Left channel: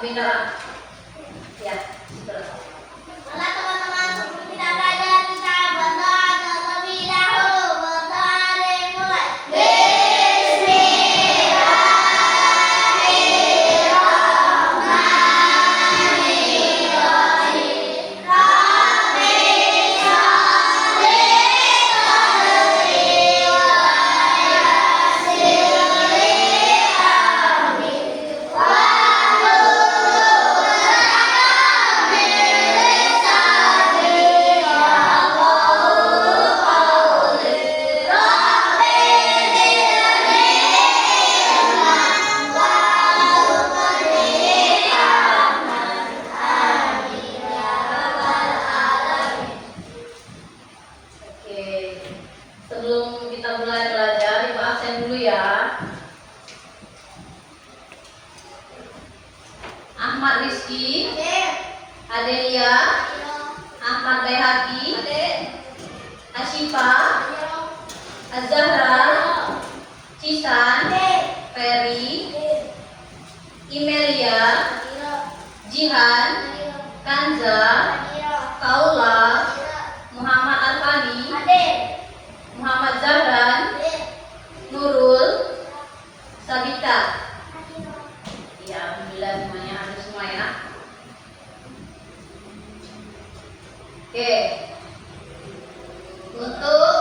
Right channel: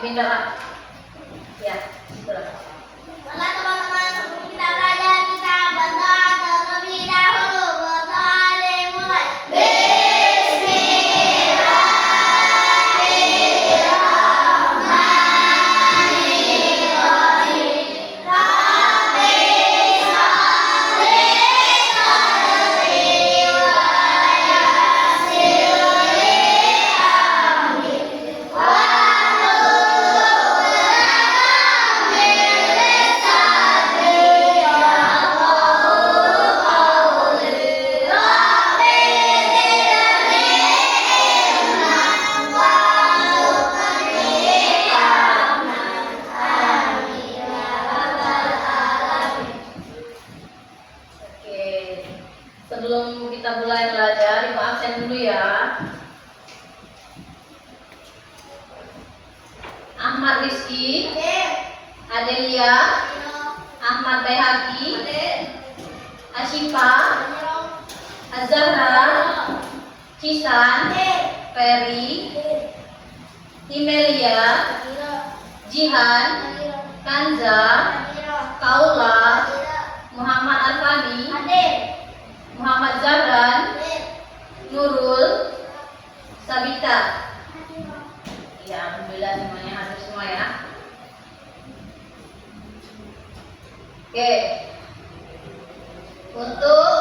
Pindah. Ya, betul. Oke, teman-teman, sebelum kita belajar, kita berdoa terlebih dahulu. Berdoa dimulai. Sebelum kita mulai belajar, Ibu absen dulu ya. Ahmad Rizky, Adelia, Ahmad Bayhaqi, Asyifa, Azahra, Cisan, Ferry, Imelia, Jihan, Kanza, Kaula, Muhammad Alfani, Muhammad Zahran, Nurul, Sabita. Ya, alhamdulillah semuanya hadir semua ya. Oke. Untuk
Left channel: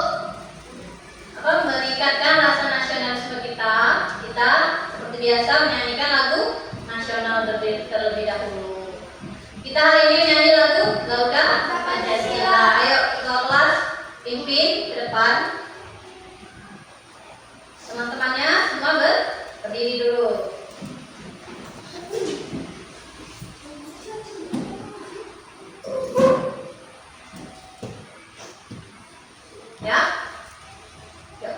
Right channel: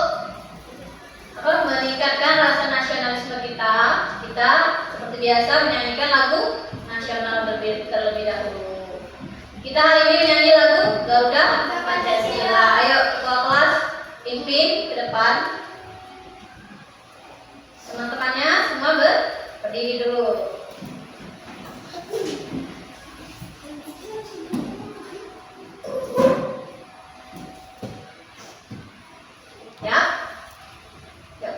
meningkatkan rasa nasionalisme kita seperti biasa menyanyikan lagu nasional terlebih dahulu. Kita hari ini menyanyi lagu Garuda Pancasila. Ayo ketua kelas pimpin ke depan. Teman-temannya semua berdiri dulu. Ya. Yuk.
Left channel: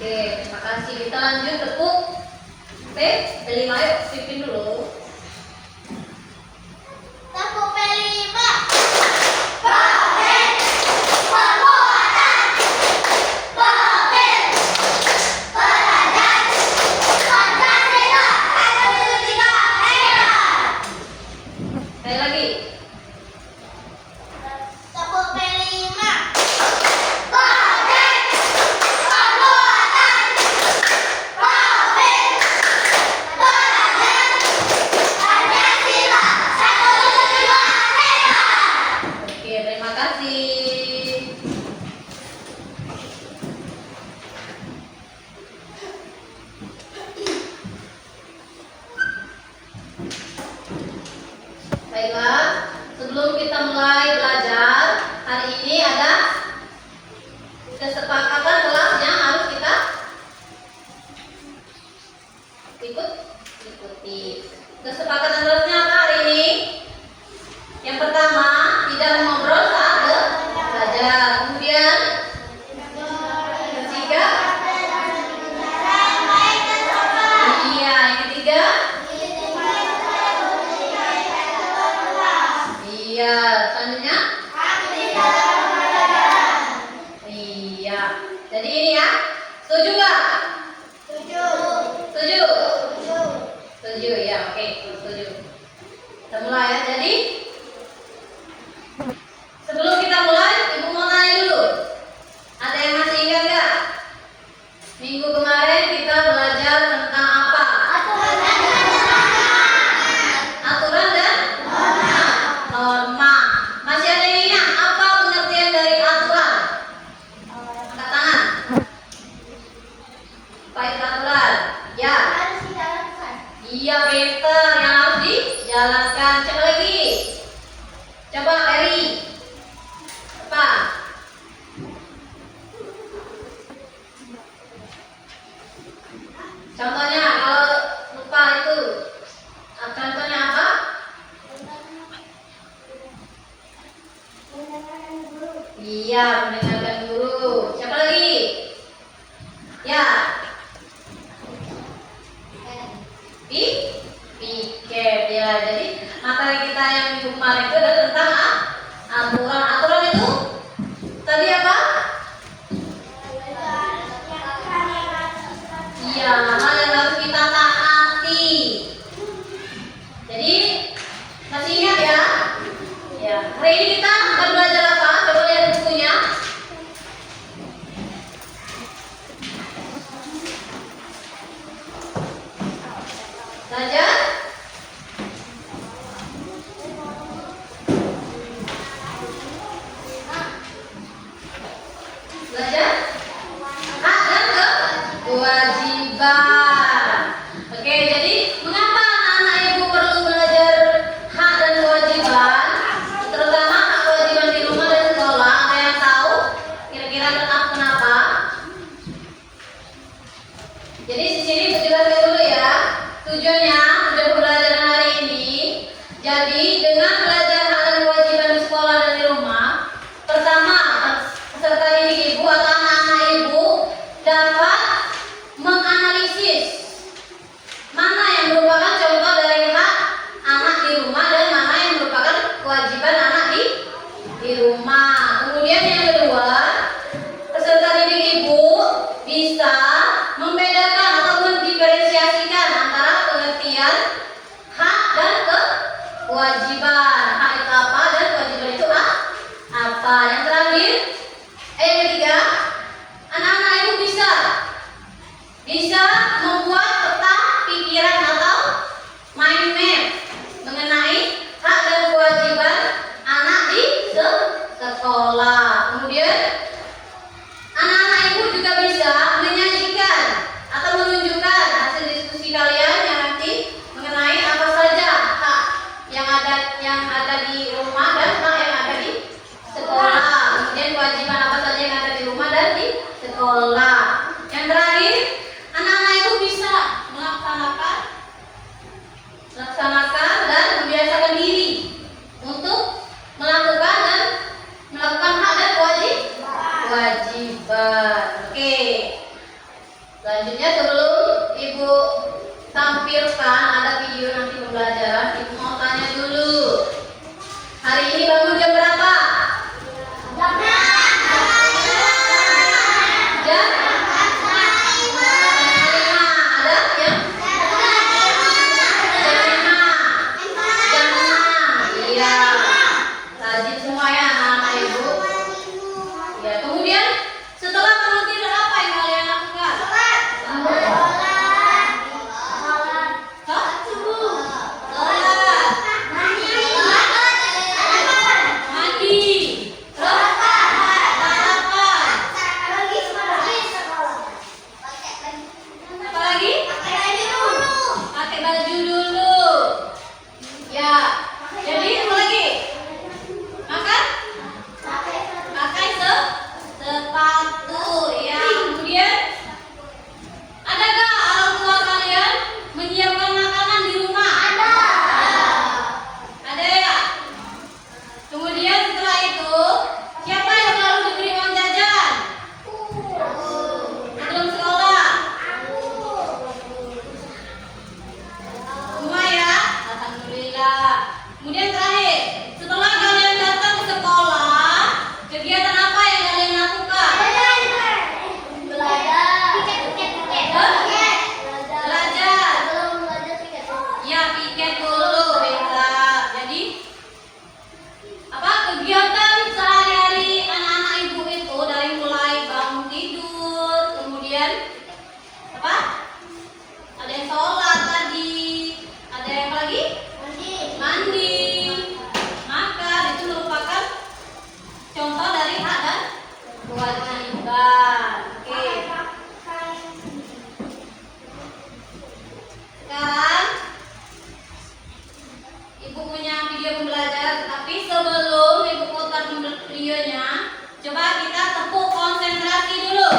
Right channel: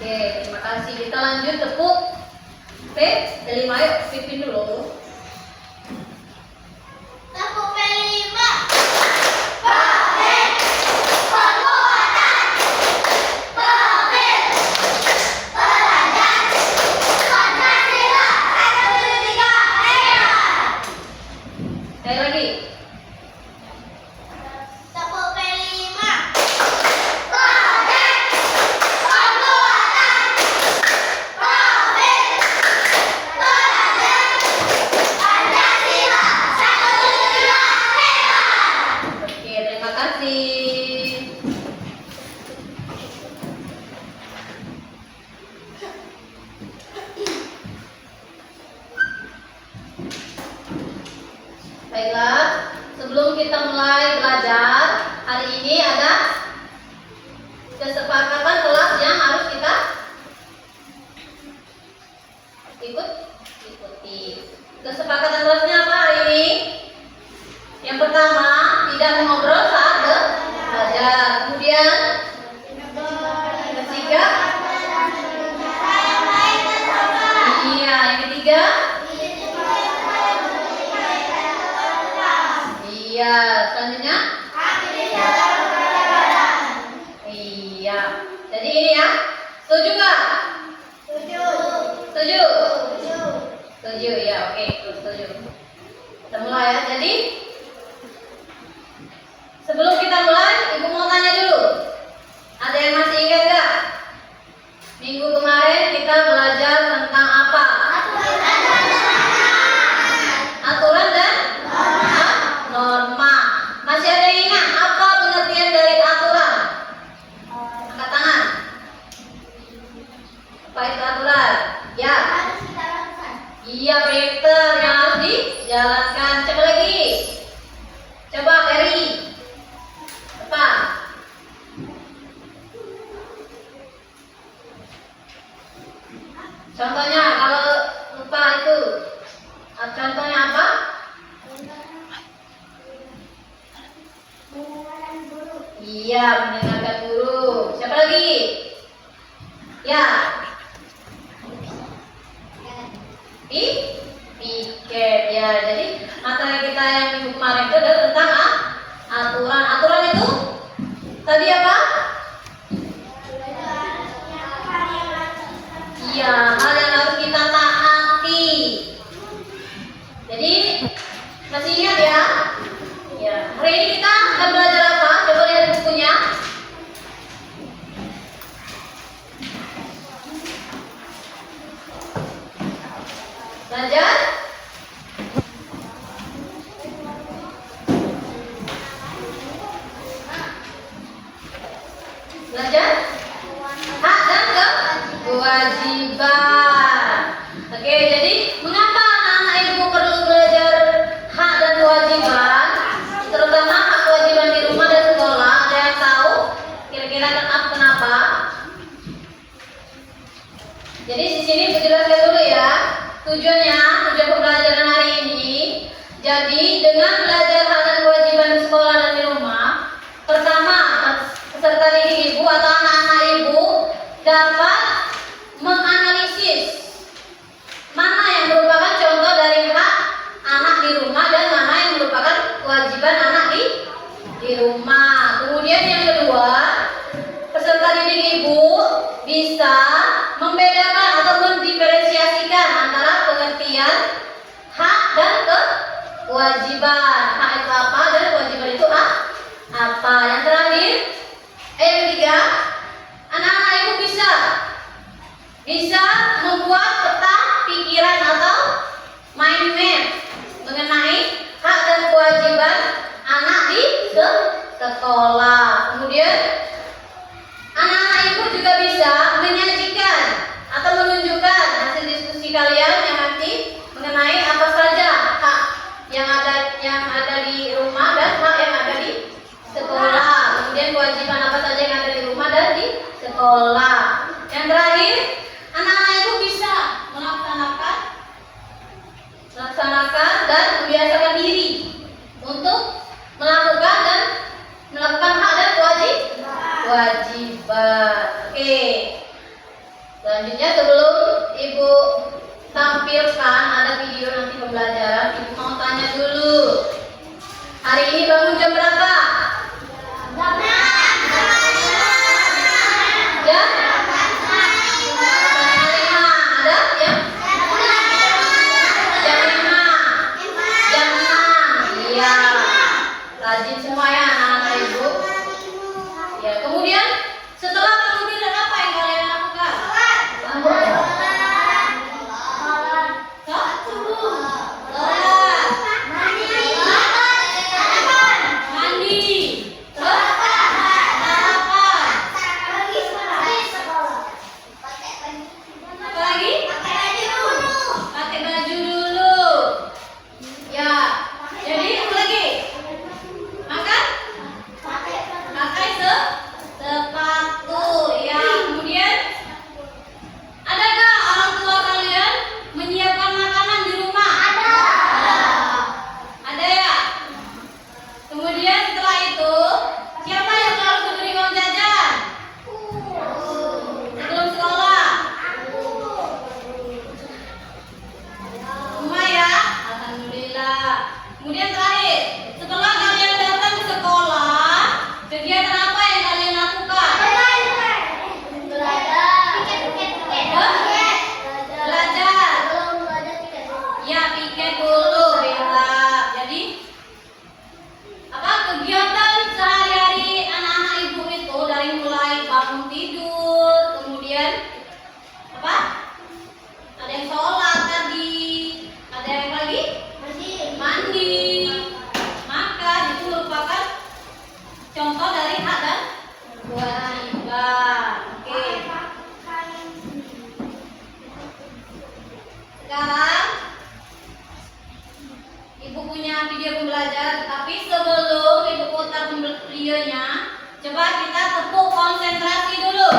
Oke, terima kasih. Kita lanjut tepuk P5, yuk pimpin dulu. Tepuk P5. Pemimpin perbuatan, pemimpin pelajar, Pancasila, Republik Indonesia. Sekali lagi. Tepuk P5. Oke, terima kasih. Baiklah, sebelum kita mulai belajar, hari ini ada kesepakatan kelas yang harus kita ikuti. Kesepakatan kelasnya apa hari ini? Yang pertama, tidak mengobrol saat belajar. Kemudian, ketiga, iya, yang ketiga, iya, selanjutnya, iya. Jadi ini ya, setuju nggak? Setuju? Setuju ya, oke, setuju. Kita mulai ya. Jadi sebelum kita mulai, Ibu mau tanya dulu. Ada yang masih ingat nggak? Minggu kemarin kita belajar tentang apa? Aturan dan norma. Masih ada yang ingat apa pengertian dari aturan? Angkat tangan. Apa itu aturan? Ya. Iya, Peter, yang harus dijalankan. Coba lagi. Coba Eri. Apa? Contohnya kalau lupa itu. Contohnya apa? Iya, mendengarkan guru. Siapa lagi? Ya. Piket ya. Jadi materi kita yang minggu kemarin itu adalah tentang aturan. Aturan itu tadi apa? Iya, hal yang harus kita taati. Jadi masih ingat ya? Ya. Hari ini kita akan belajar apa? Coba lihat bukunya. Belajar hak dan kewajiban. Oke, jadi mengapa anak-anak ibu perlu belajar hak dan kewajiban, terutama hak kewajiban di rumah dan sekolah? Ada yang tahu kira-kira kenapa? Jadi di sini saya jelaskan dulu ya. Tujuan pembelajaran hari ini. Jadi dengan belajar hak dan kewajiban di sekolah dan di rumah, pertama peserta didik ibu atau anak-anak ibu dapat menganalisis mana yang merupakan contoh dari hak anak di rumah dan mana yang merupakan kewajiban anak di rumah. Kemudian yang kedua, peserta didik ibu bisa membedakan atau mendiferensiasikan antara pengertian hak dan kewajiban. Hak itu apa dan kewajiban itu apa. Yang terakhir, yang ketiga, anak-anak ibu bisa membuat peta pikiran atau mind map mengenai hak dan kewajiban anak di sekolah. Kemudian anak-anak ibu juga bisa menyajikan atau menunjukkan hasil diskusi kalian yang nanti mengenai apa saja hak yang ada di rumah dan hak yang ada di sekolah. Kemudian kewajiban apa saja yang ada di rumah dan di sekolah. Yang terakhir, anak-anak ibu bisa melaksanakan dan membiasakan diri untuk melakukan hak dan kewajiban. Oke. Selanjutnya sebelum ibu tampilkan ada video nanti pembelajaran, ibu mau tanya dulu. Hari ini bangun jam berapa? Jam 5. Ada yang? Jam 5. tiket dulu, Bella. Jadi apa kegiatan sehari-hari anak-anak ibu itu dari mulai bangun tidur, kemudian apa? Ada yang sholat tadi, ada yang apa lagi? Mandi, makan, itu merupakan contoh dari hak dan kewajiban. Oke. Sekarang ibu punya video pembelajaran, tapi sebelum ibu putar videonya, coba kita tepuk konsentrasi dulu.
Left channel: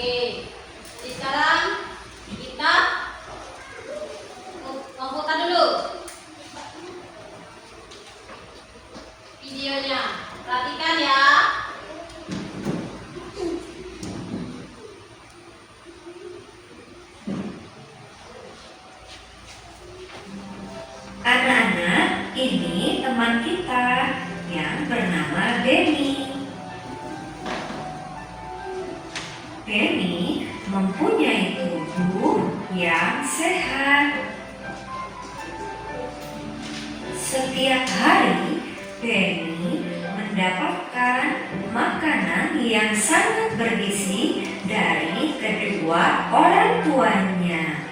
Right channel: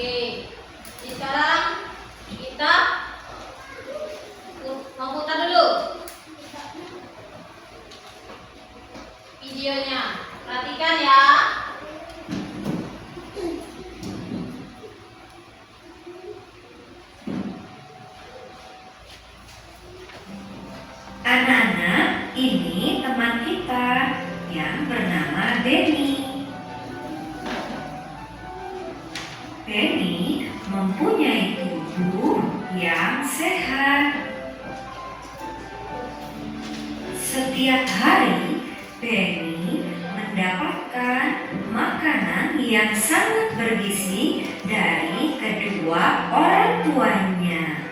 Oke, jadi sekarang kita memutar dulu videonya. Perhatikan ya. Anak-anak, ini teman kita yang bernama Benny. Benny mempunyai tubuh yang sehat. Setiap hari, Benny mendapatkan makanan yang sangat bergizi dari kedua orang tuanya.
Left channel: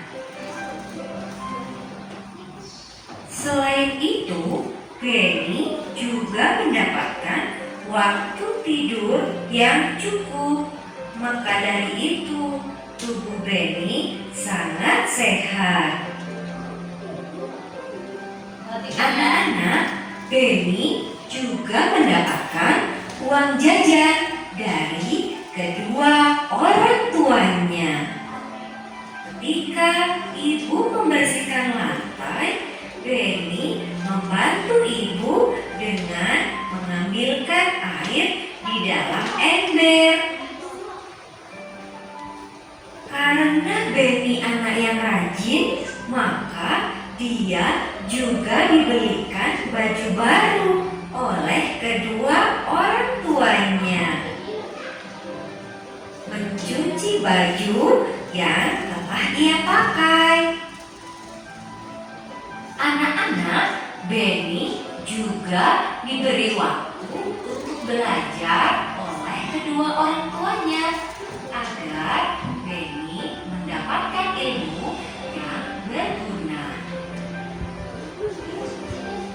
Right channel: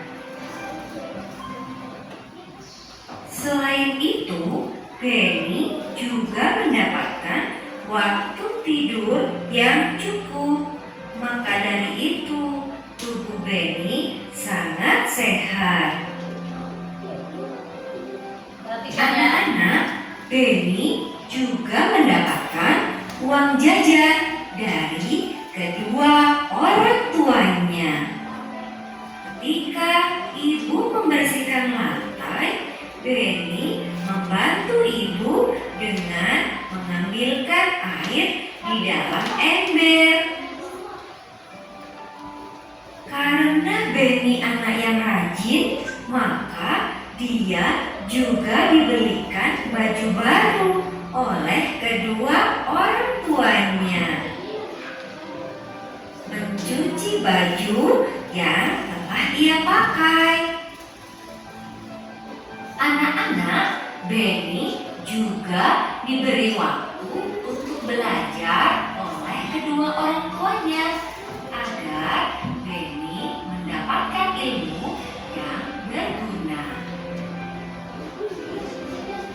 Selain itu, Benny juga mendapatkan waktu tidur yang cukup. Maka dari itu, tubuh Benny sangat sehat. Perhatikan ya. Anak-anak, Benny juga mendapatkan uang jajan dari kedua orang tuanya. Ketika ibu membersihkan lantai, Benny membantu ibu dengan mengambilkan air di dalam ember. Karena Benny anak yang rajin, maka dia juga dibelikan baju baru oleh kedua orang tuanya. Mencuci baju yang telah ia pakai. Anak-anak, Benny juga diberi waktu untuk belajar oleh kedua orang tuanya agar Benny mendapatkan ilmu yang berguna.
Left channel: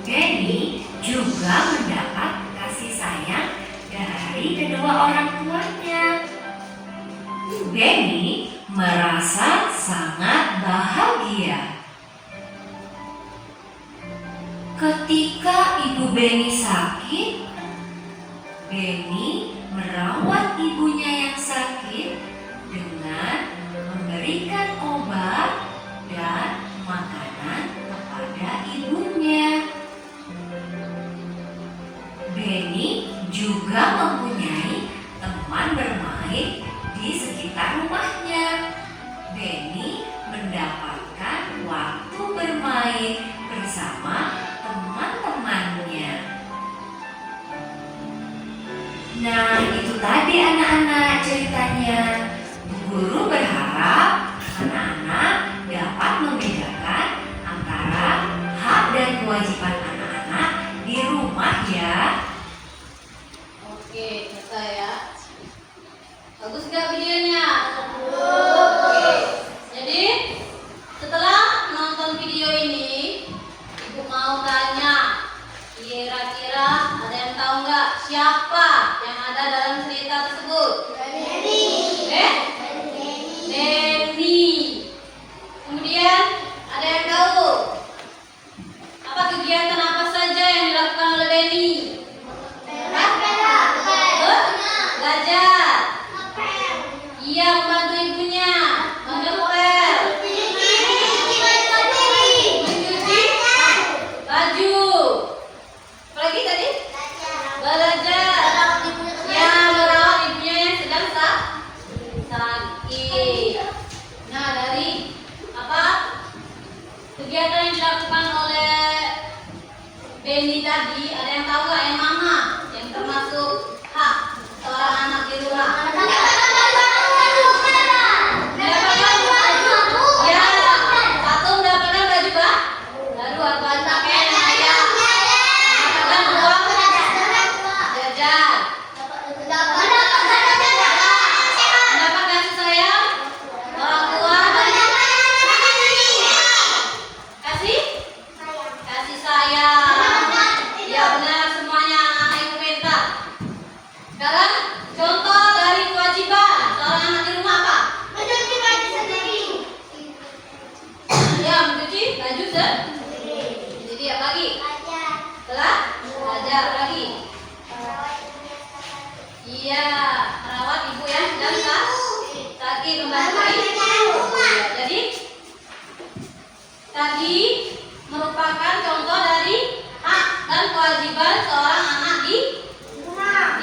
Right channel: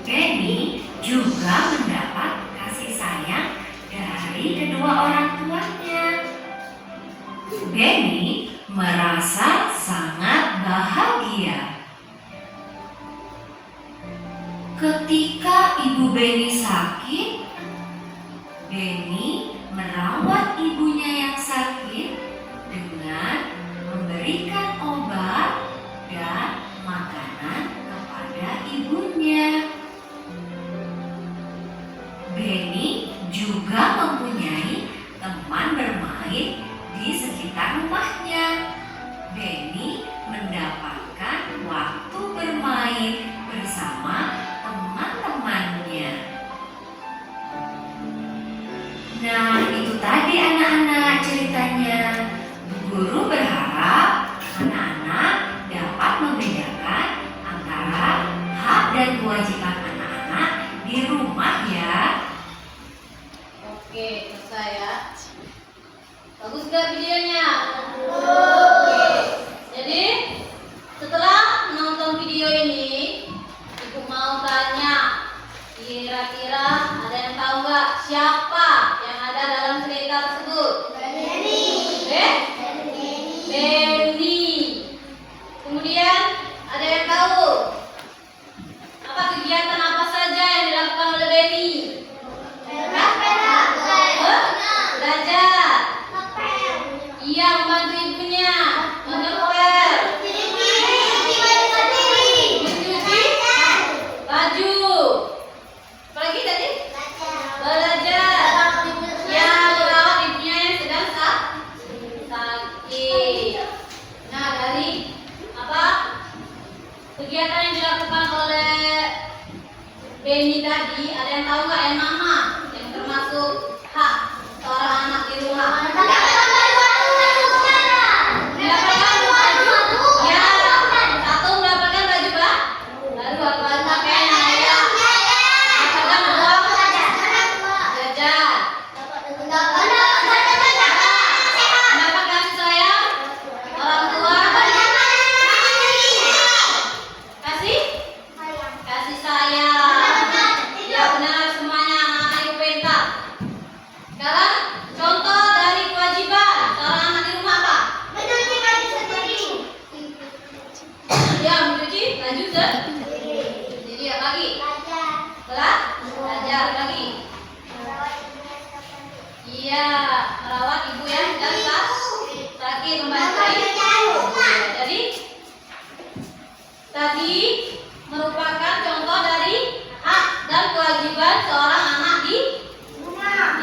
Benny juga mendapat kasih sayang dari kedua orang tuanya. Benny merasa sangat bahagia. Ketika ibu Benny sakit, Benny merawat ibunya yang sakit dengan memberikan obat dan makanan kepada ibunya. Benny juga mempunyai teman bermain di sekitar rumahnya. Benny mendapatkan waktu bermain bersama teman-temannya. Nah, itu tadi anak-anak ceritanya. Bu Guru berharap anak-anak dapat membedakan antara hak dan kewajiban anak-anak di rumah ya. Oke, selesai ya. Bagus gak videonya? Oke. Jadi setelah menonton video ini, ibu mau tanya, kira-kira ada yang tahu nggak siapa yang ada dalam cerita tersebut? Benny. Kemudian ada yang tahu apa kegiatan apa saja yang dilakukan oleh Benny? Belajar. Iya, membantu ibunya mengepel, mencuci baju. Apa lagi tadi? Belajar. tahu nggak yang mana yang termasuk hak seorang anak di rumah? Mendapatkan baju. Ya, satu mendapatkan baju baru apa pakaian yang layak. Mendapatkan uang jajan. Mendapat kasih sayang orang tua. Kasih sayang. Ya benar, semuanya anak-anak ibu pintar. Sekarang contoh dari kewajiban seorang anak di rumah apa? Ya, mencuci baju sendiri. Jadi apa lagi? Belajar lagi. Iya, merawat ibu ya dan sakit membantu ibu. Jadi tadi merupakan contoh dari hak dan kewajiban seorang anak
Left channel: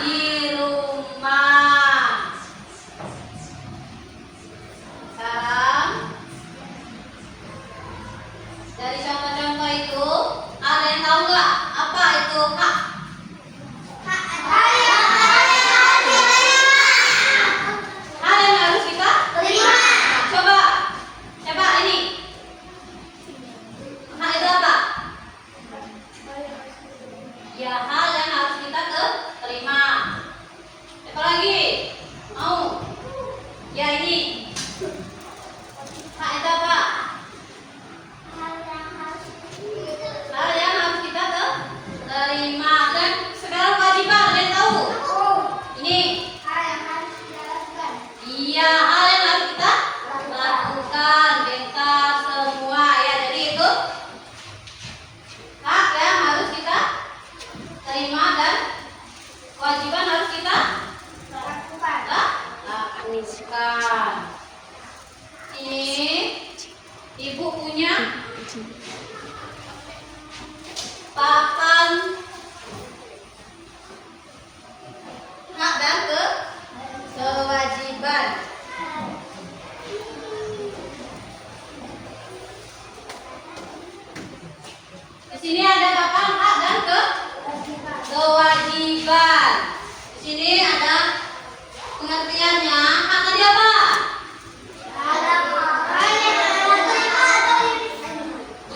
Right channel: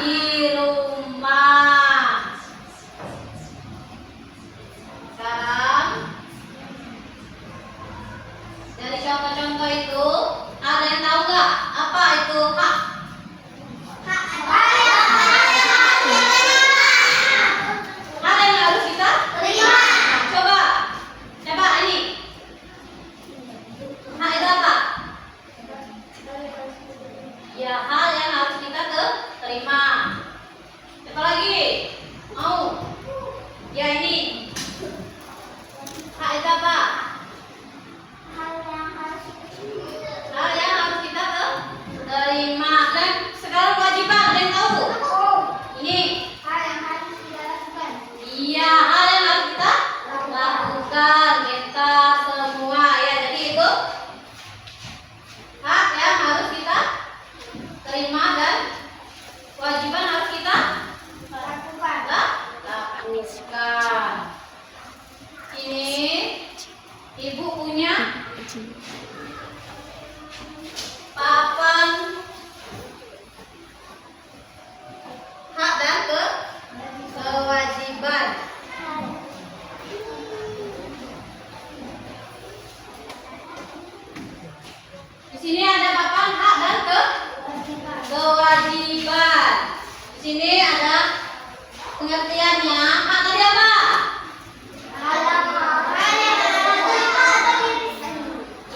di rumah. Sekarang dari contoh-contoh itu ada yang tahu nggak apa itu hak? Hal yang harus kita terima. Coba ini. Hak itu apa? Ya, hal yang harus kita terima. Apa lagi? Mau? Ya ini. Hak itu apa? Hal yang harus kita terima. Dan sekarang kewajiban, ada yang tahu? Ini. Iya, hal yang harus kita lakukan. Bentar semua ya. Jadi itu hak yang harus kita terima dan kewajiban harus kita lakukan. Ini ibu punya papan hak dan kewajiban. Di sini ada papan hak dan kewajiban. Di sini ada pengertiannya. Hak tadi apa?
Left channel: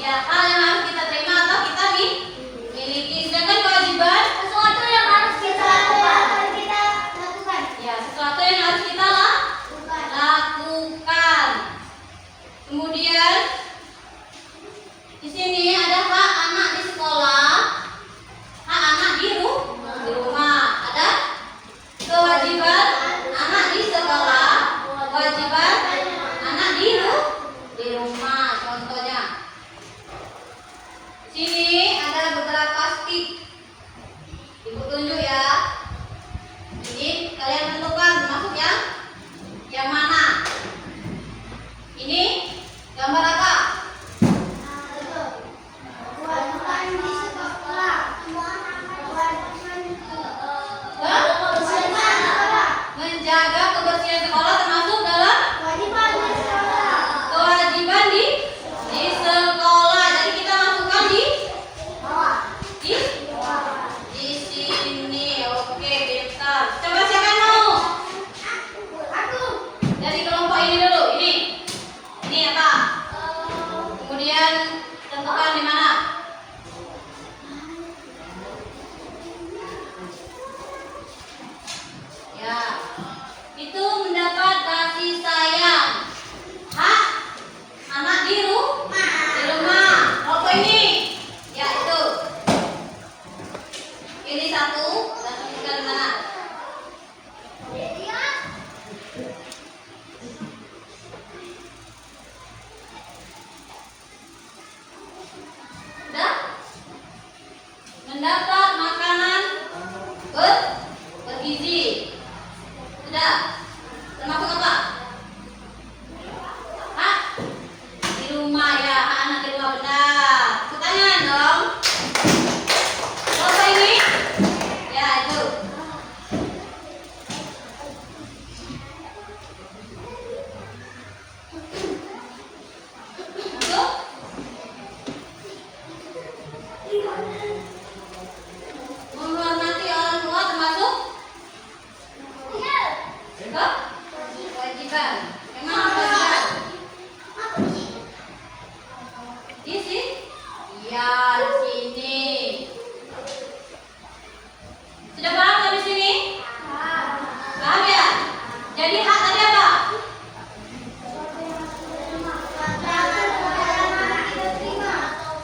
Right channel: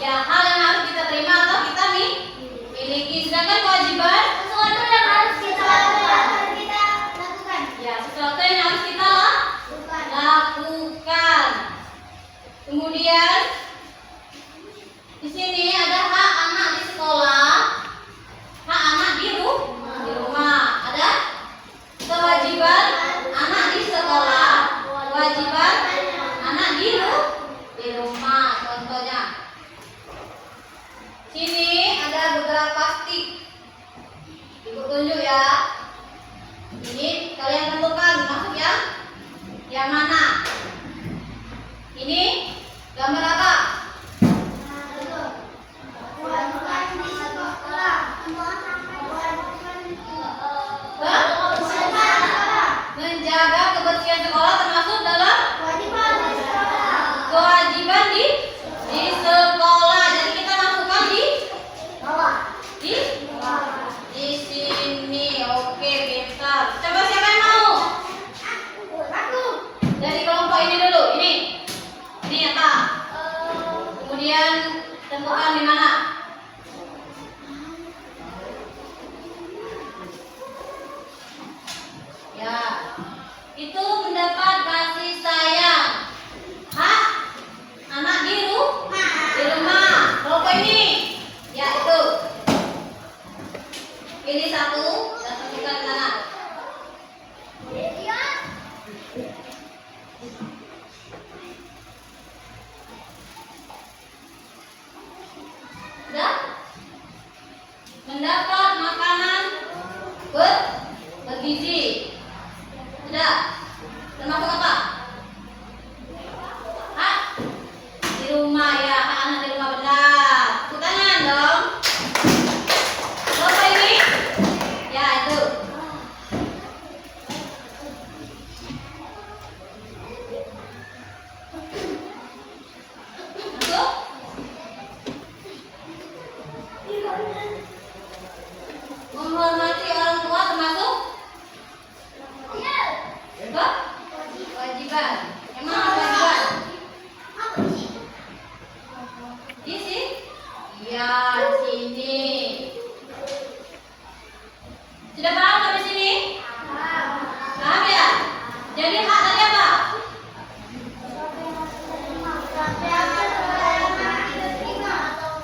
Ya, hal yang harus kita terima atau kita miliki. Sedangkan kewajiban Sesuatu yang harus kita lakukan. ya sesuatu yang harus kita lakukan. Kemudian di sini ada hak anak di sekolah, hak anak di rumah. Ada kewajiban anak di sekolah, kewajiban anak di rumah. Contohnya di sini ada beberapa stick. Ibu tunjuk ya. Ini kalian tentukan masuk yang mana? Ini gambar apa? Menjaga kebersihan sekolah termasuk dalam kewajiban di sekolah. Jadi kita masukkan di sini. Oke, bentar. Coba siapa yang mau? Dari kelompok ini dulu. Ini apa? Kemudian tentukan di mana? Ya, itu mendapat kasih sayang. Hak anak di rumah. Kelompok ini, ya itu. Pilih satu dan tentukan di mana? Sudah? Mendapat makanan bergizi. Sudah? Termasuk apa? Hak di rumah ya, hak anak di rumah benar. Tepuk tangan dong. Kelompok ini? Ya itu. Masuk? Jadi hak tadi apa?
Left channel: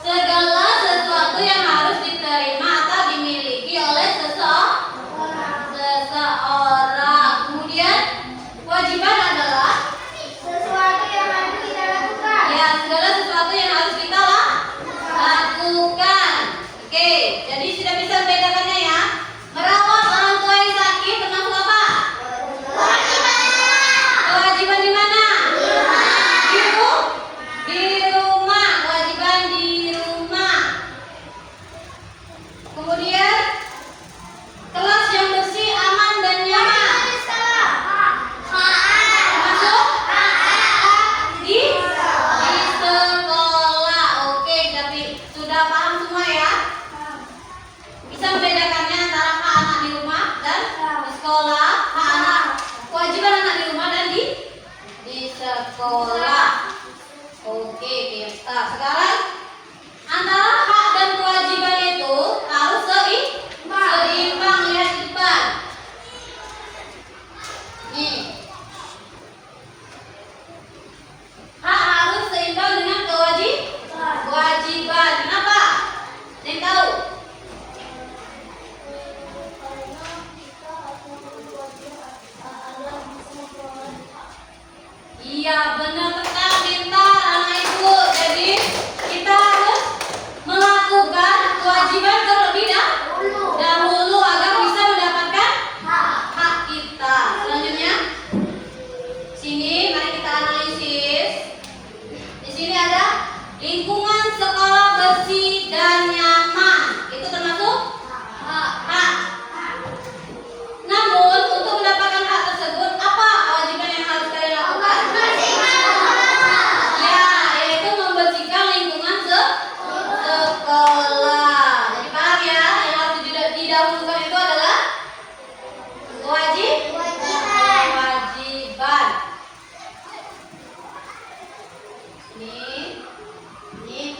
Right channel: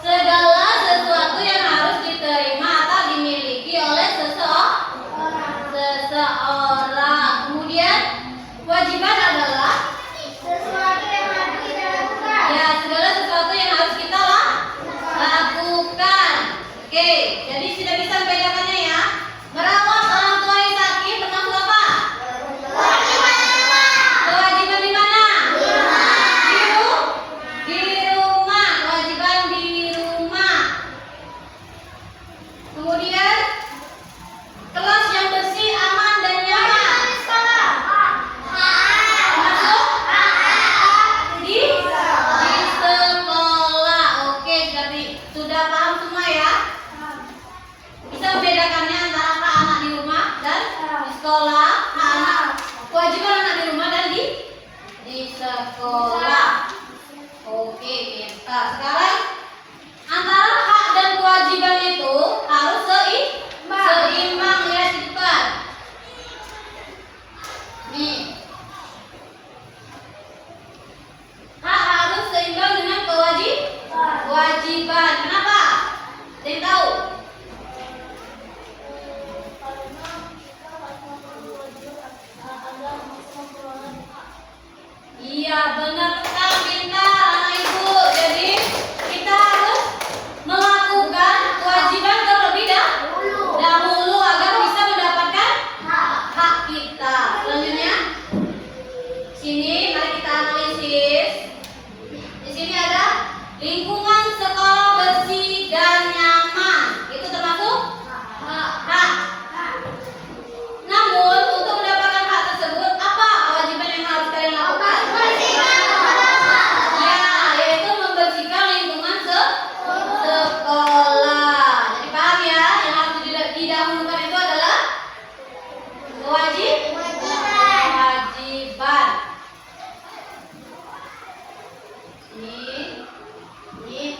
Segala sesuatu yang harus diterima atau dimiliki oleh seseorang. Kemudian kewajiban adalah Sesuatu yang harus kita lakukan. ya segala sesuatu yang harus kita lakukan. Oke, jadi sudah bisa membedakannya ya. Merawat orang tua yang sakit termasuk apa? Kewajiban di mana? Di rumah. Kewajiban di rumah. Kemudian kelas yang bersih, aman dan nyaman. Masuk di sekolah. Oke, jadi sudah paham semua ya? Bisa membedakannya antara hak anak di rumah dan di sekolah. Hak anak, kewajiban anak di rumah dan di sekolah. Oke, kita sekarang antara hak dan kewajiban itu harus seimbang. Lihat di depan. Nih. Hak harus seimbang dengan kewajiban. Kenapa? Ada yang tahu? Iya, benar sekali, pintar anak ibu. Jadi kita harus melakukan kewajiban terlebih dahulu agar bisa mendapatkan hak kita. Selanjutnya, sini mari kita analisis. Di sini ada lingkungan sekolah bersih dan nyaman. Itu termasuk hak. Namun untuk mendapatkan hak tersebut, apa kewajiban yang harus kalian lakukan? Ya, yaitu membersihkan lingkungan sekolah. Jadi paham ya, yang harus didahulukan itu adalah kewajiban. Ini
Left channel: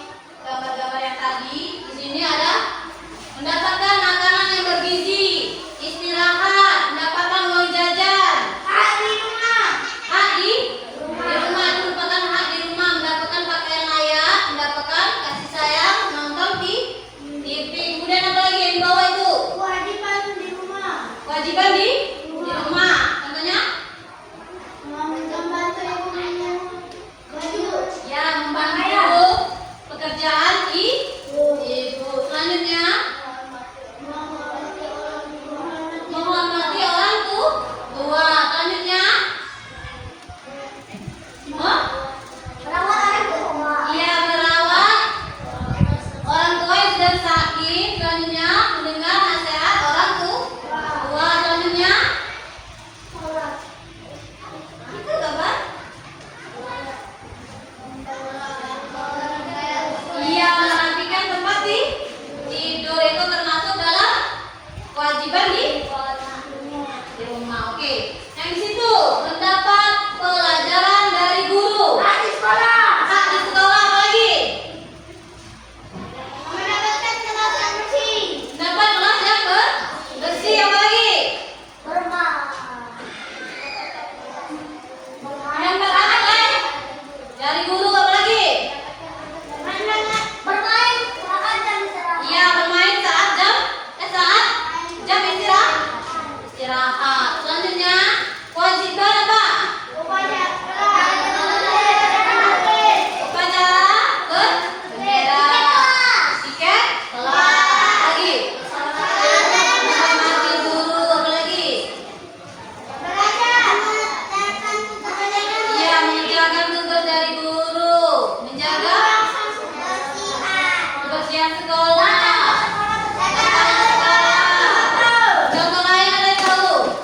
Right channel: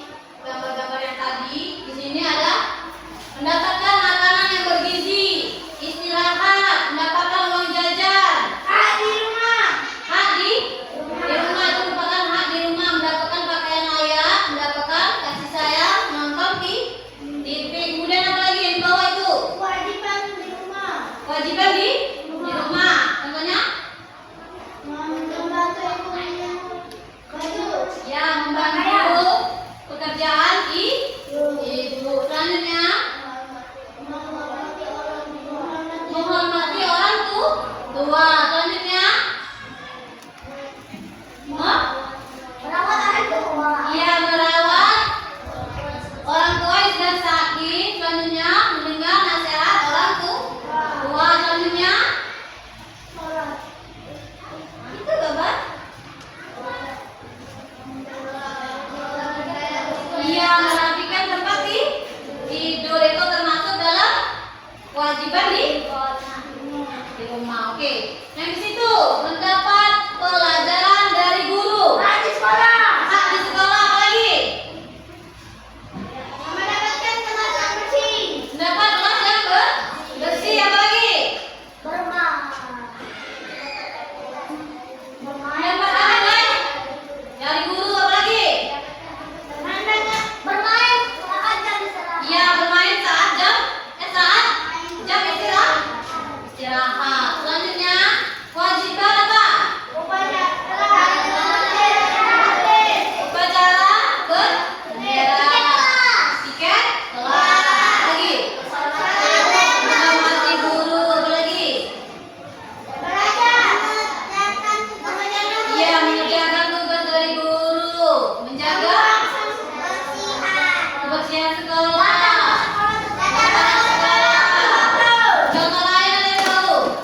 gambar-gambar yang tadi. Di sini ada mendapatkan makanan yang bergizi, istirahat, mendapatkan uang jajan. Hak di rumah itu merupakan hak di rumah, mendapatkan pakaian layak, mendapatkan kasih sayang, nonton di TV. Kemudian apa lagi yang di bawah itu? Kewajiban di rumah. Contohnya? Ya, membantu pekerjaan ibu. Selanjutnya, menghormati orang tua. Selanjutnya, ya merawat orang tua yang sedang sakit. Selanjutnya, mendengar nasihat orang tua. Selanjutnya, itu gambar. Iya, merapikan tempat tidur itu termasuk dalam kewajiban di rumah. Oke, yang di situ mendapat pelajaran dari guru. Hak di sekolah apa lagi? Mendapat kelas yang bersih apa lagi? Mendapat apa lagi? Dari guru apa lagi? Iya, bermain saat jam istirahat. Selanjutnya, kewajiban apa? Upacara berbendera. Tiket kelas. Lagi. Menghormati guru. Apa lagi? Iya, mengerjakan tugas dari guru. Menjaga kebersihan sekolah. Contoh lain ada yang tahu?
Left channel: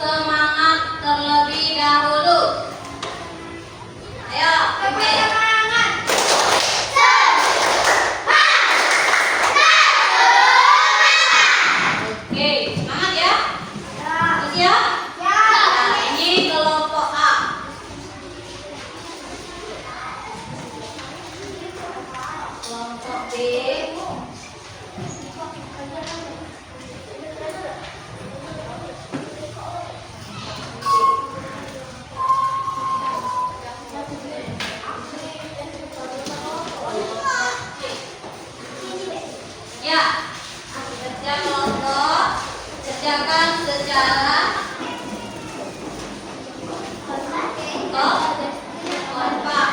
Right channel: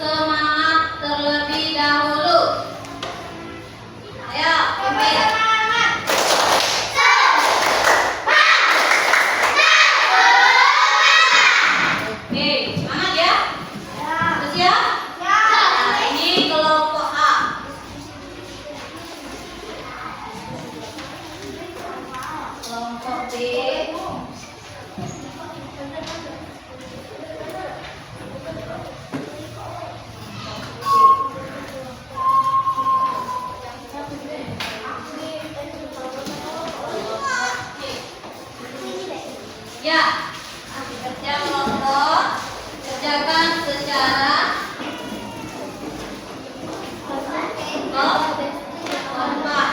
semangat terlebih dahulu. Ayo, pimpin. Oke, semangat ya. Terus ya. Nah, ini kelompok A. Kelompok B. Ya, kerja kelompok, kerjakan secara kompak.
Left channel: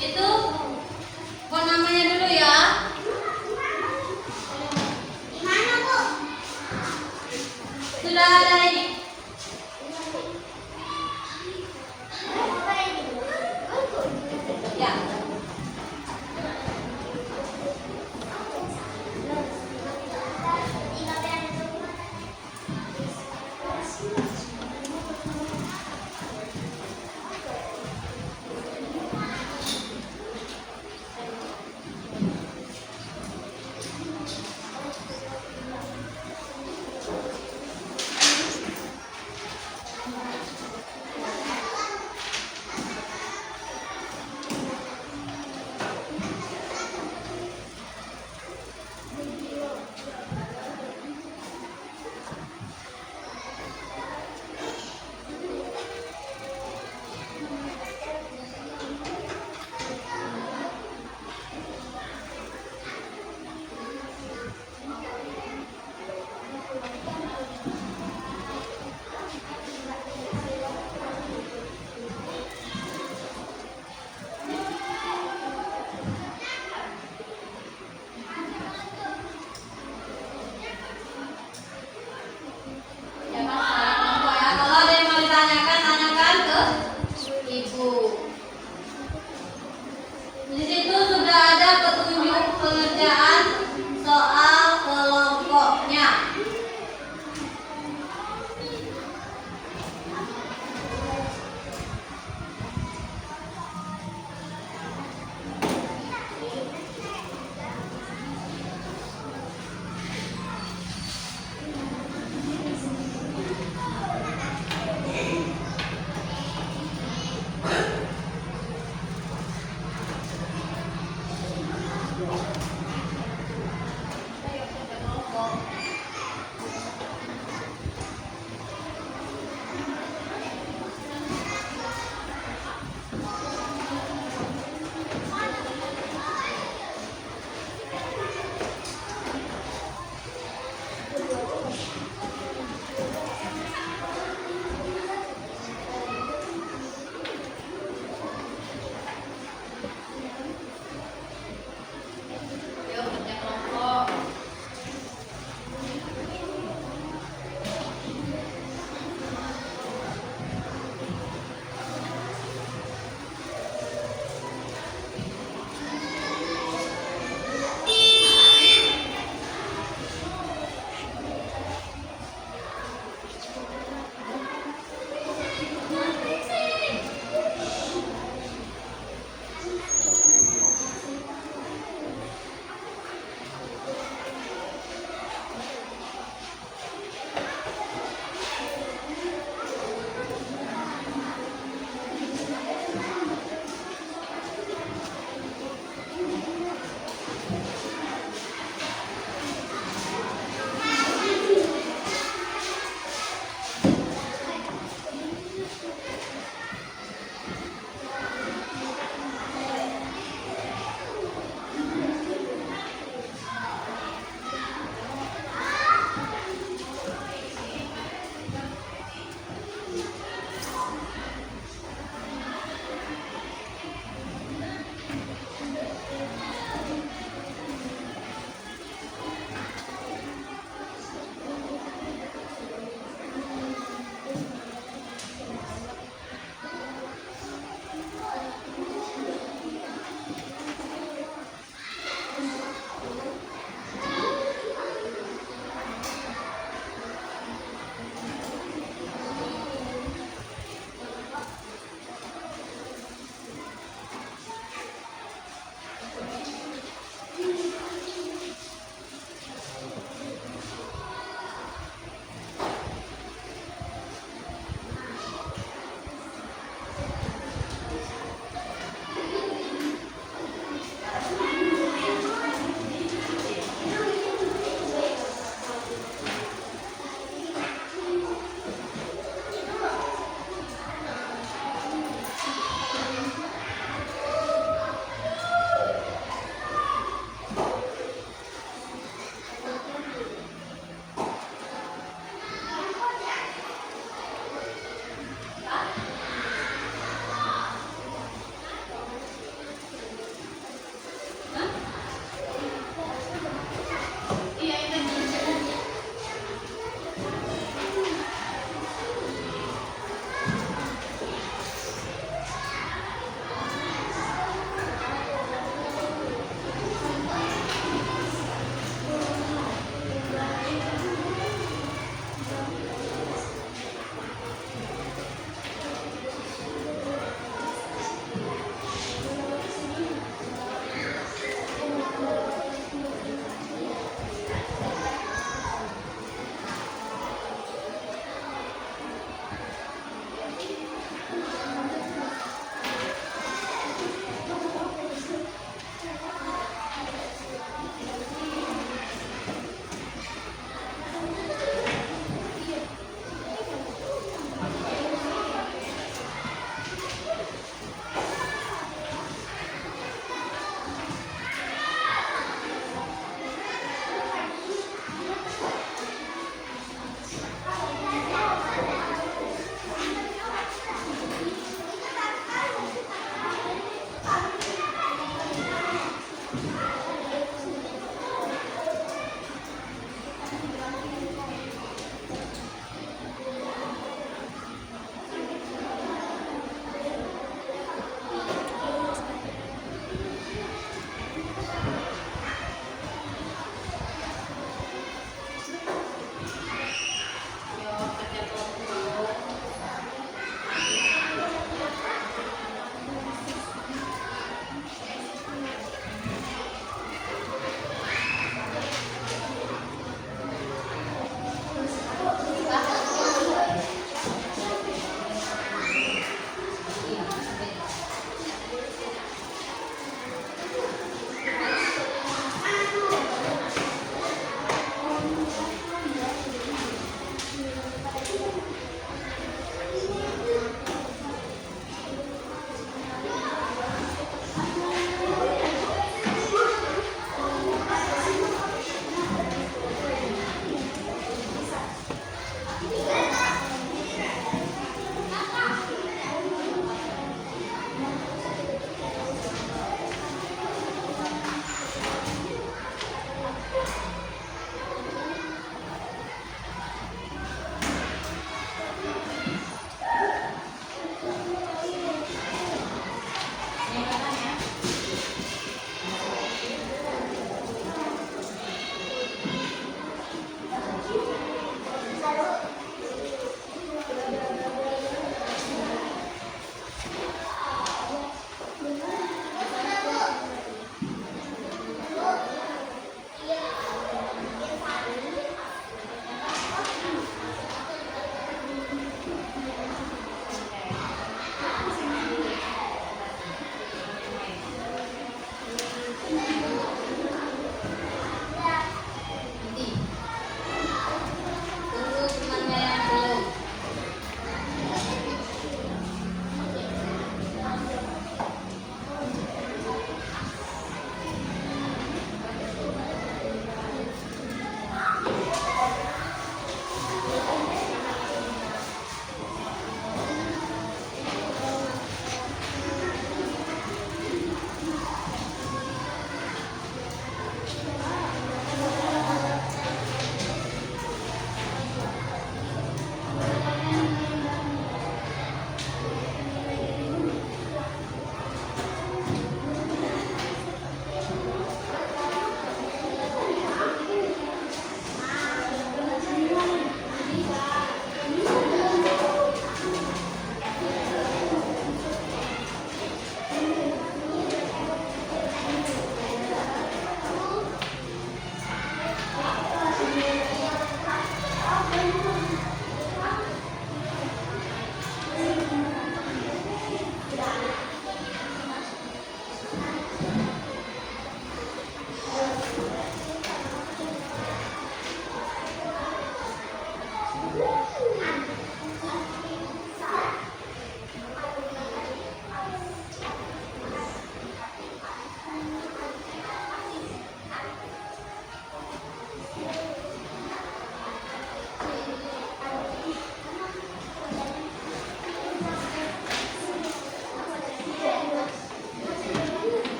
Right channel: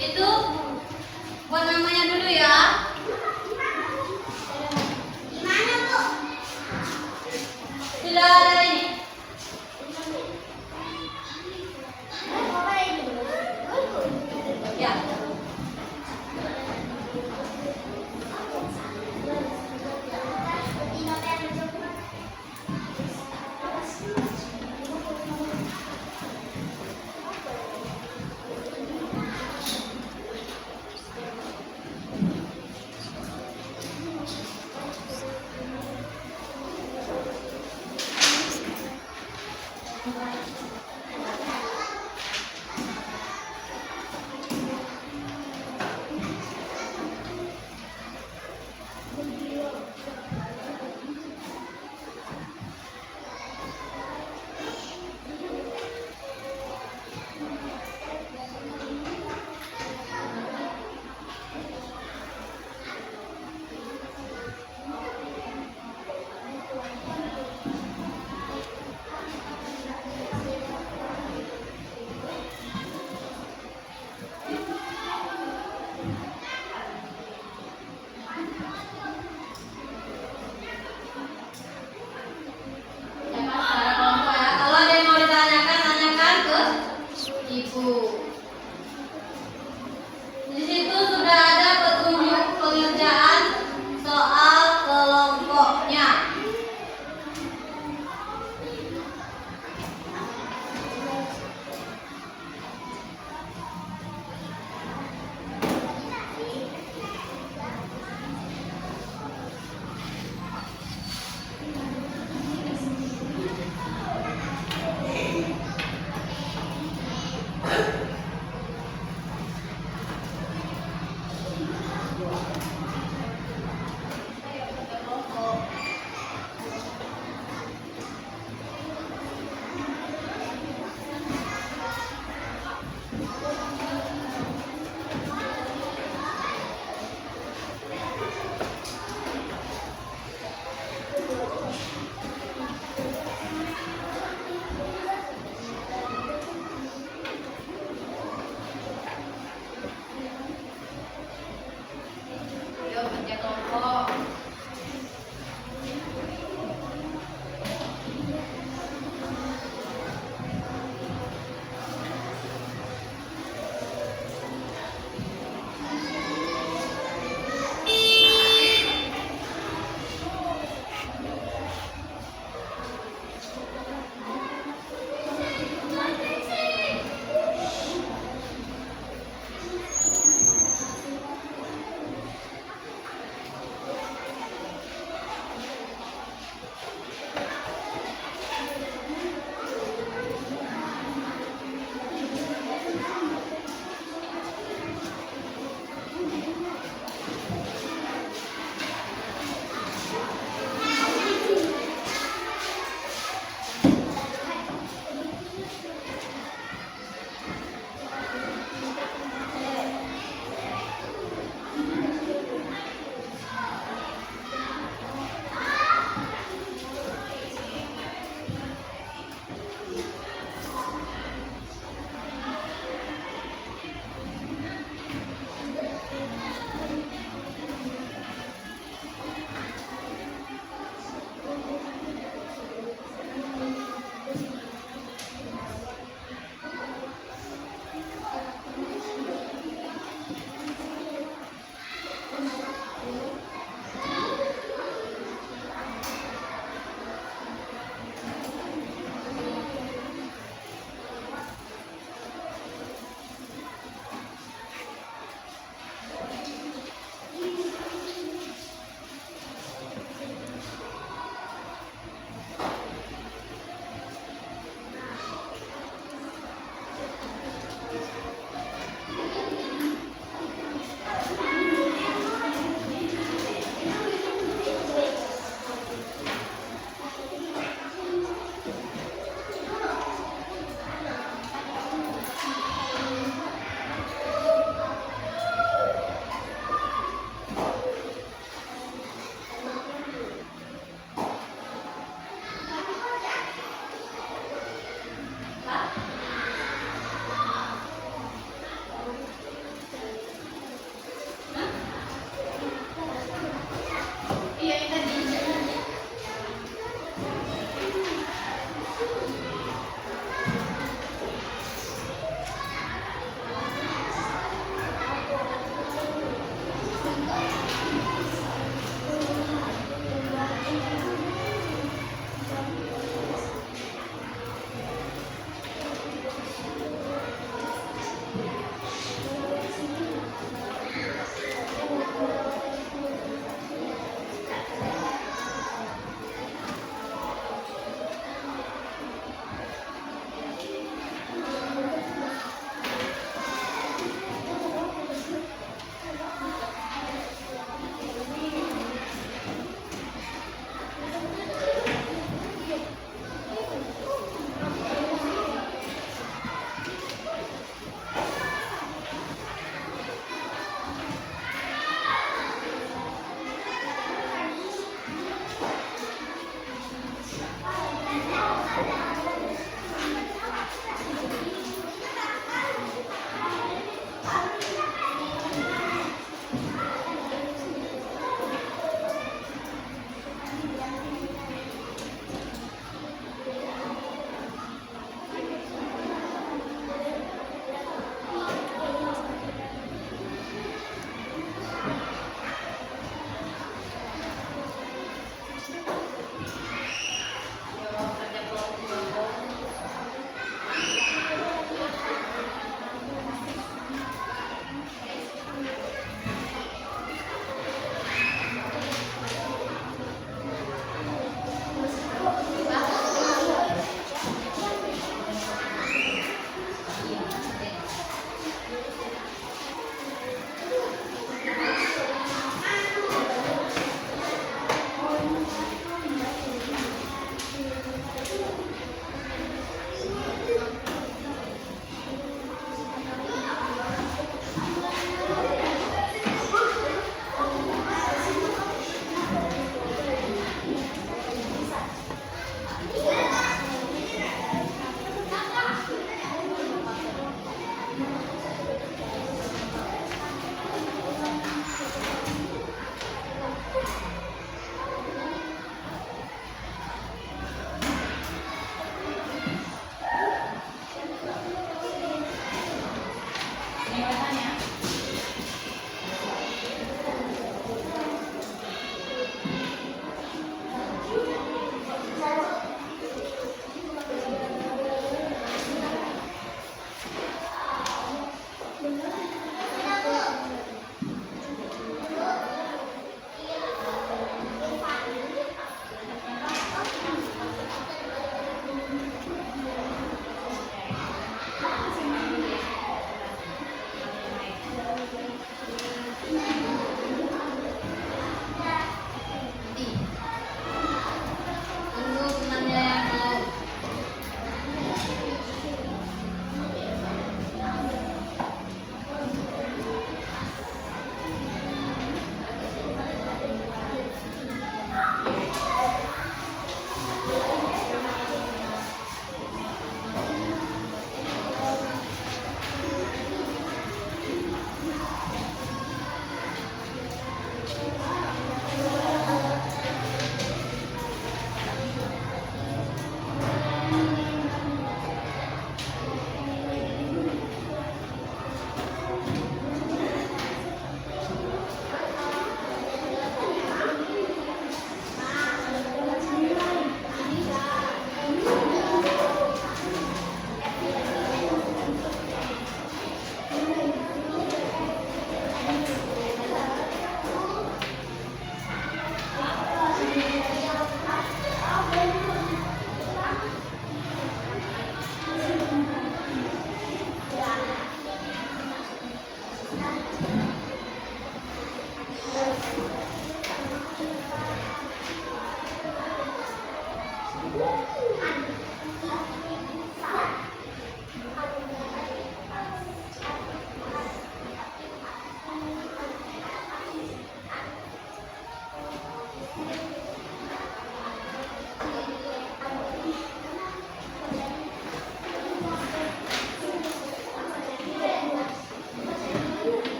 Itu buat namanya dulu ya. Sudah ada ini. Ya. Jangan secara kelompok ya. Kalau ada yang mau ditanyakan, tanyakan ke ibu. Di situ sudah ada petunjuk pengerjaan soal kelompoknya. Yuk kerja kelompok.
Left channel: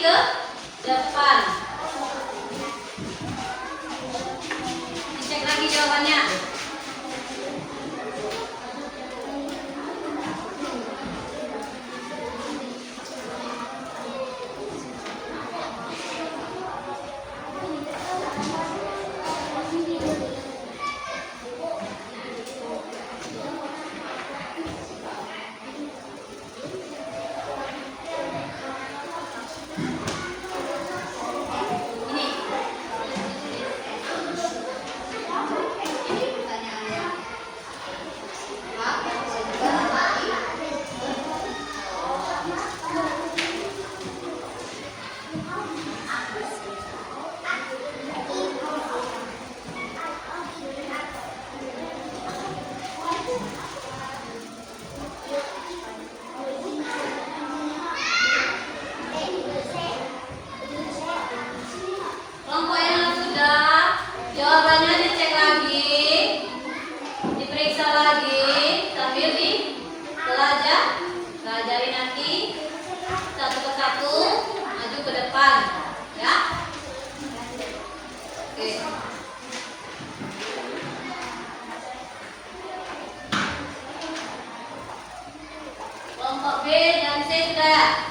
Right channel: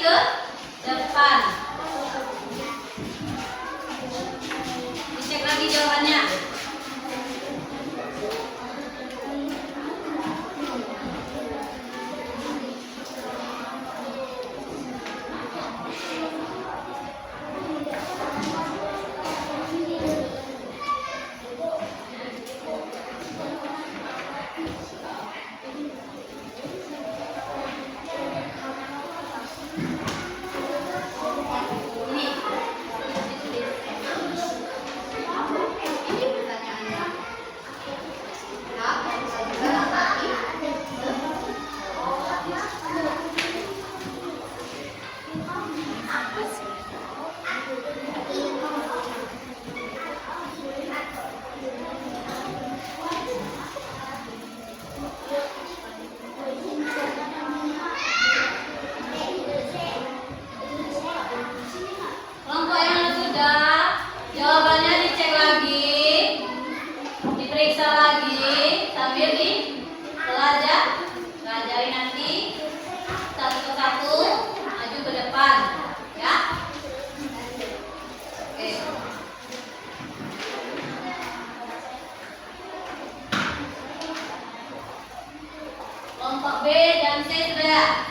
ke depan. Dicek lagi jawabannya. Kelompok yang sudah, jawabannya dicek lagi, diperiksa lagi sambil pelajari nanti satu persatu maju ke depan, ya. Oke. Kelompok B dan C sudah.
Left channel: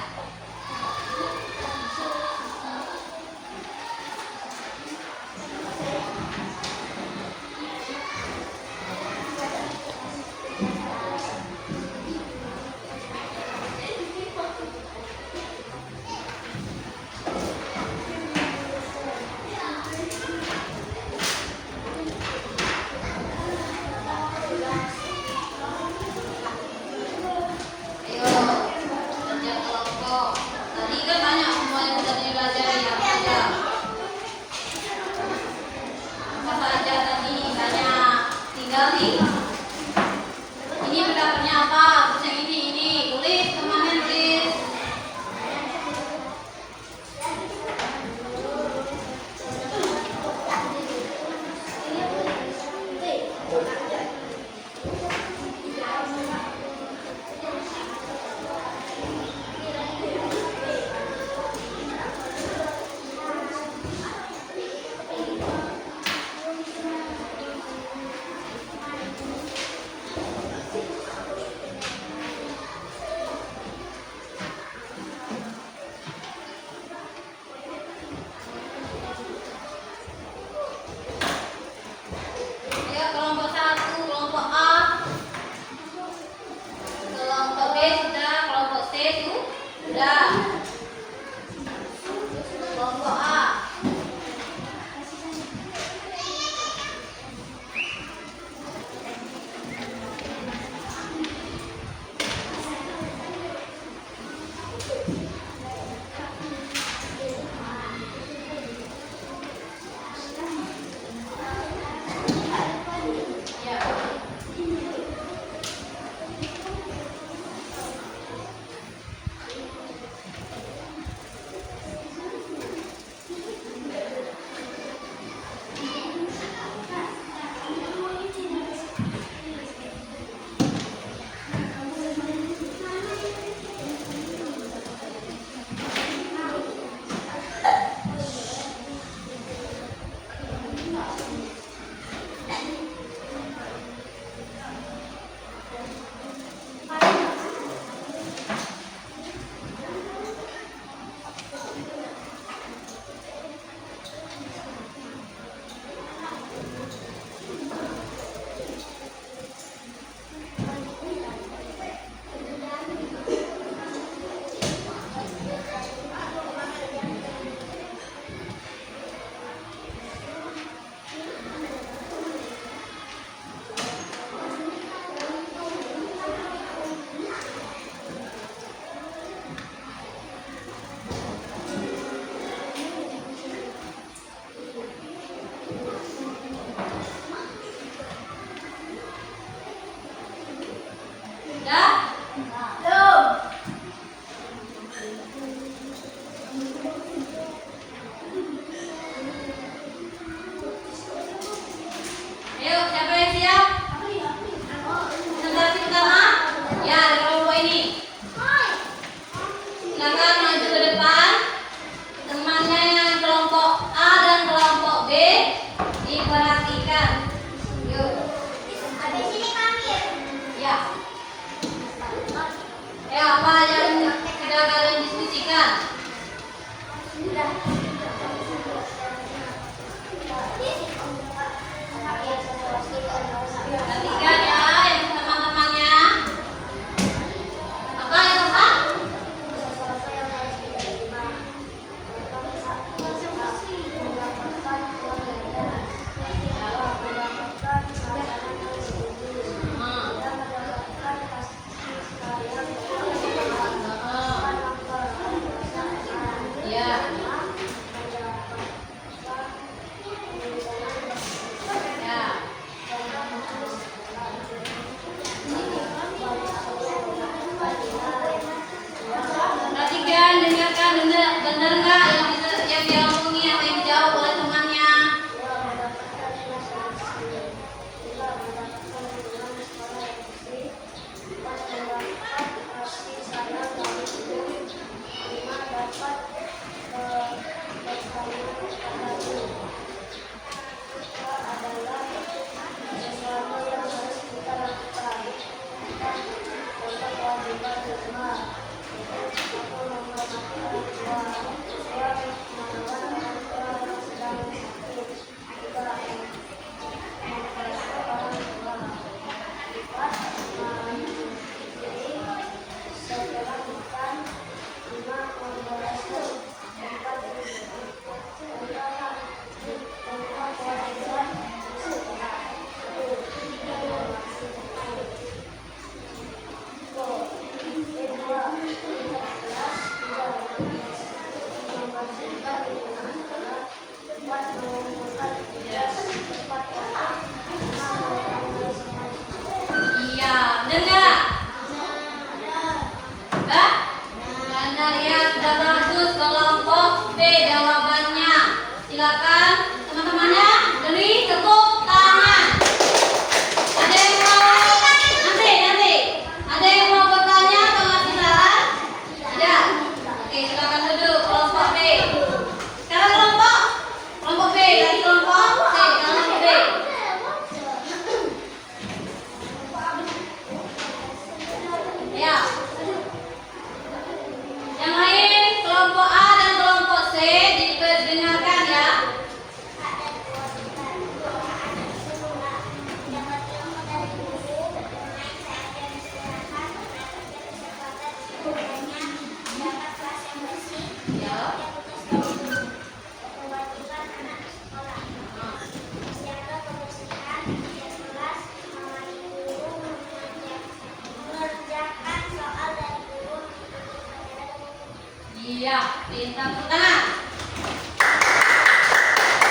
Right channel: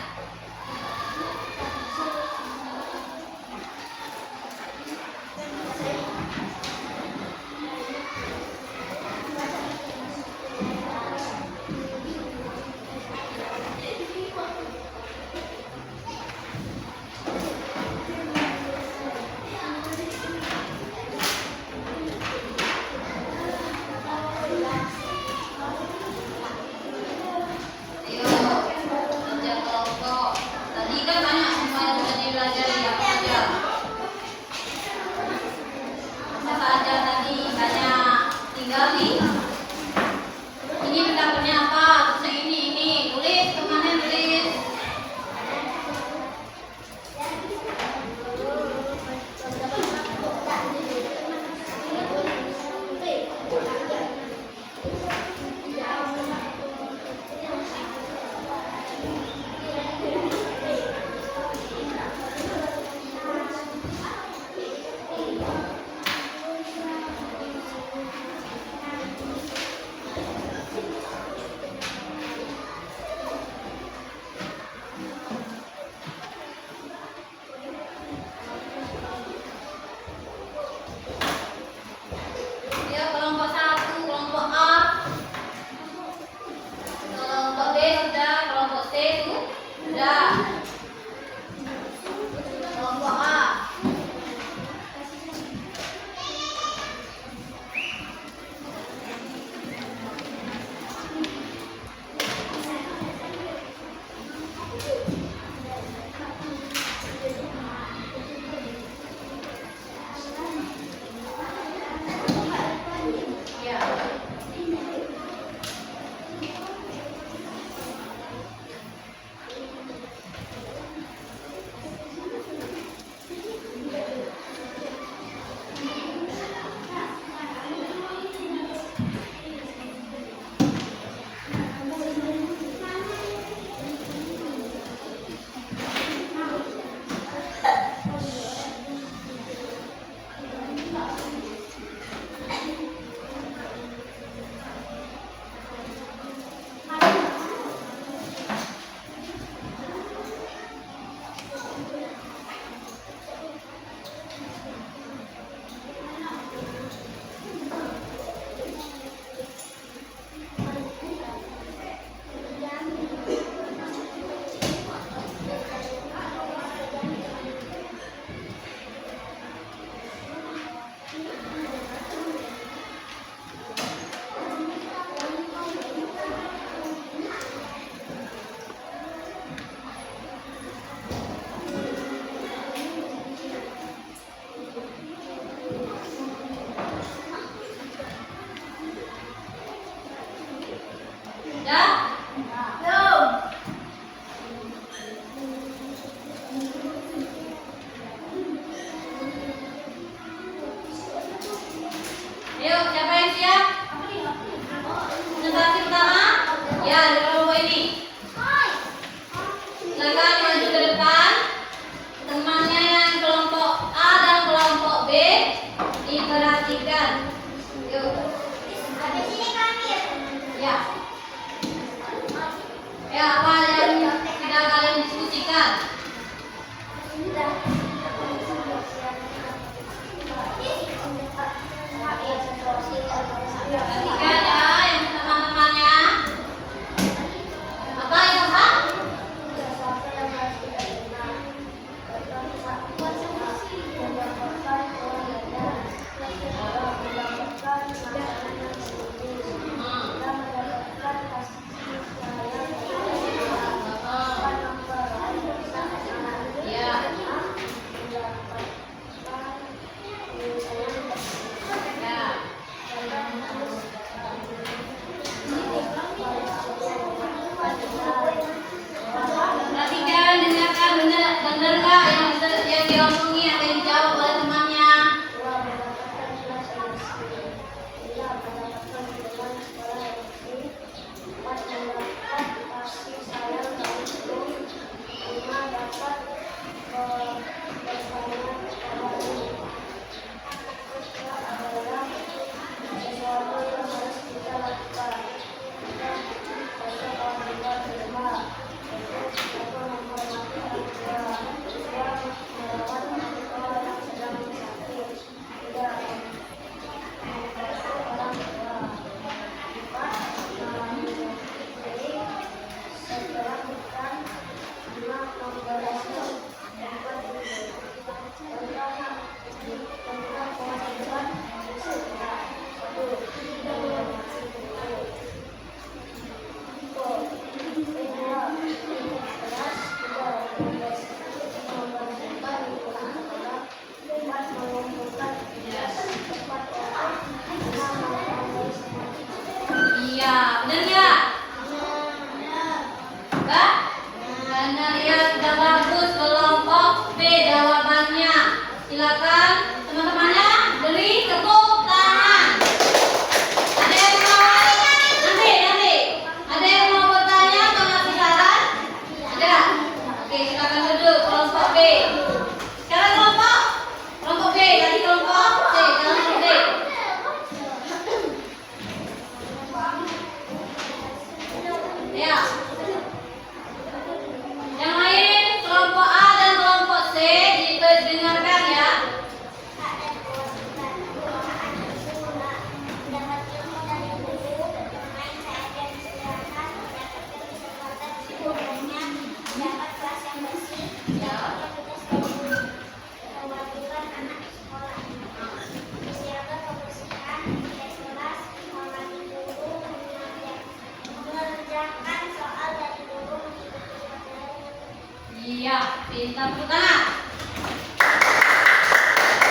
Iya, pintar. Tepuk tangan.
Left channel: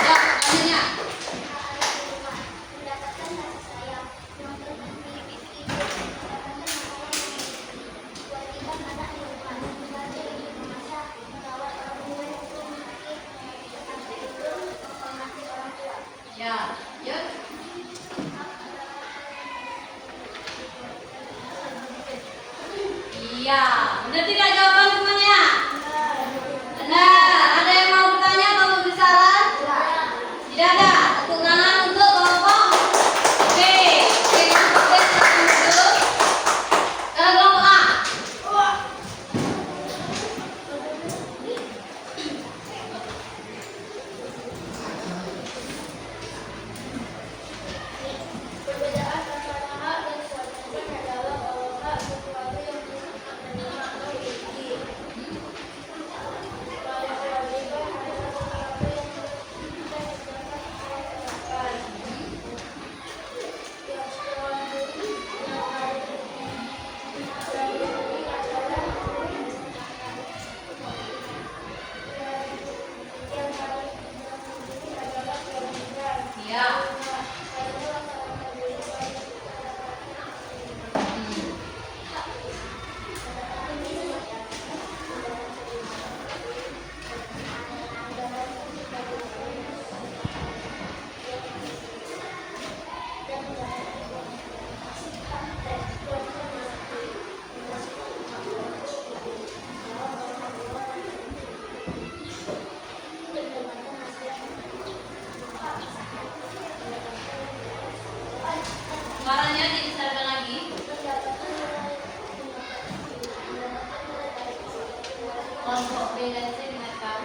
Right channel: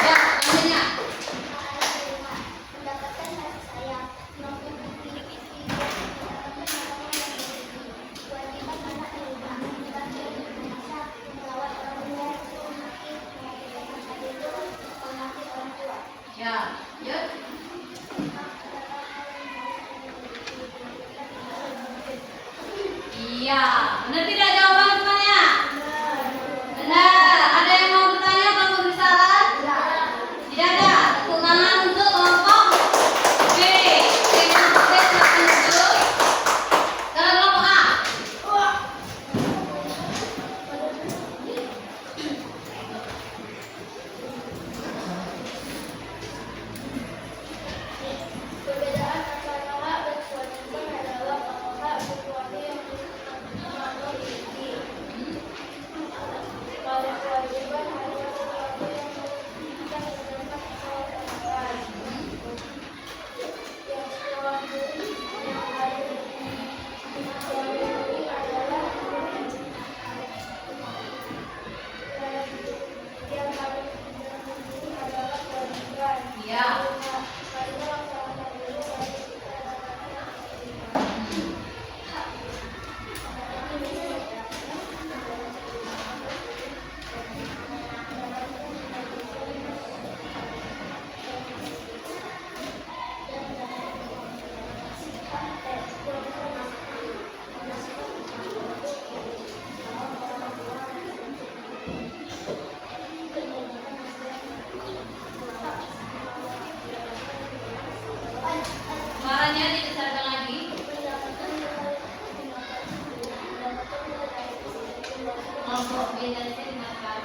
Ya, selanjutnya. Mendapatkan kasih sayang yang memiliki mendapatkan kewajiban anak di rumah, membantu ibu memasak, merawat orang tua yang sakit, memiliki sampai hidup, menghormati orang tua. Ya, yuk. Iya, benar tidak jawaban semuanya? Benar. Ada yang mau bertanya atau memberi saran? Tidak ada. Tepuk tangan untuk kelompok B. Kelompok B silakan duduk. Sekarang kelompok A. Perbedaan antara hak dan kewajiban adalah bahwa hak sesuatu yang makna memiliki. Kalau kewajiban adalah sesuatu yang kita dapat lakukan. Yang kewajiban yang harus dipenuhi adalah yang harus dipenuhi adalah kewajiban. Iya. Suaranya dibesarkan lagi. Kelompok B dan C dengarkan.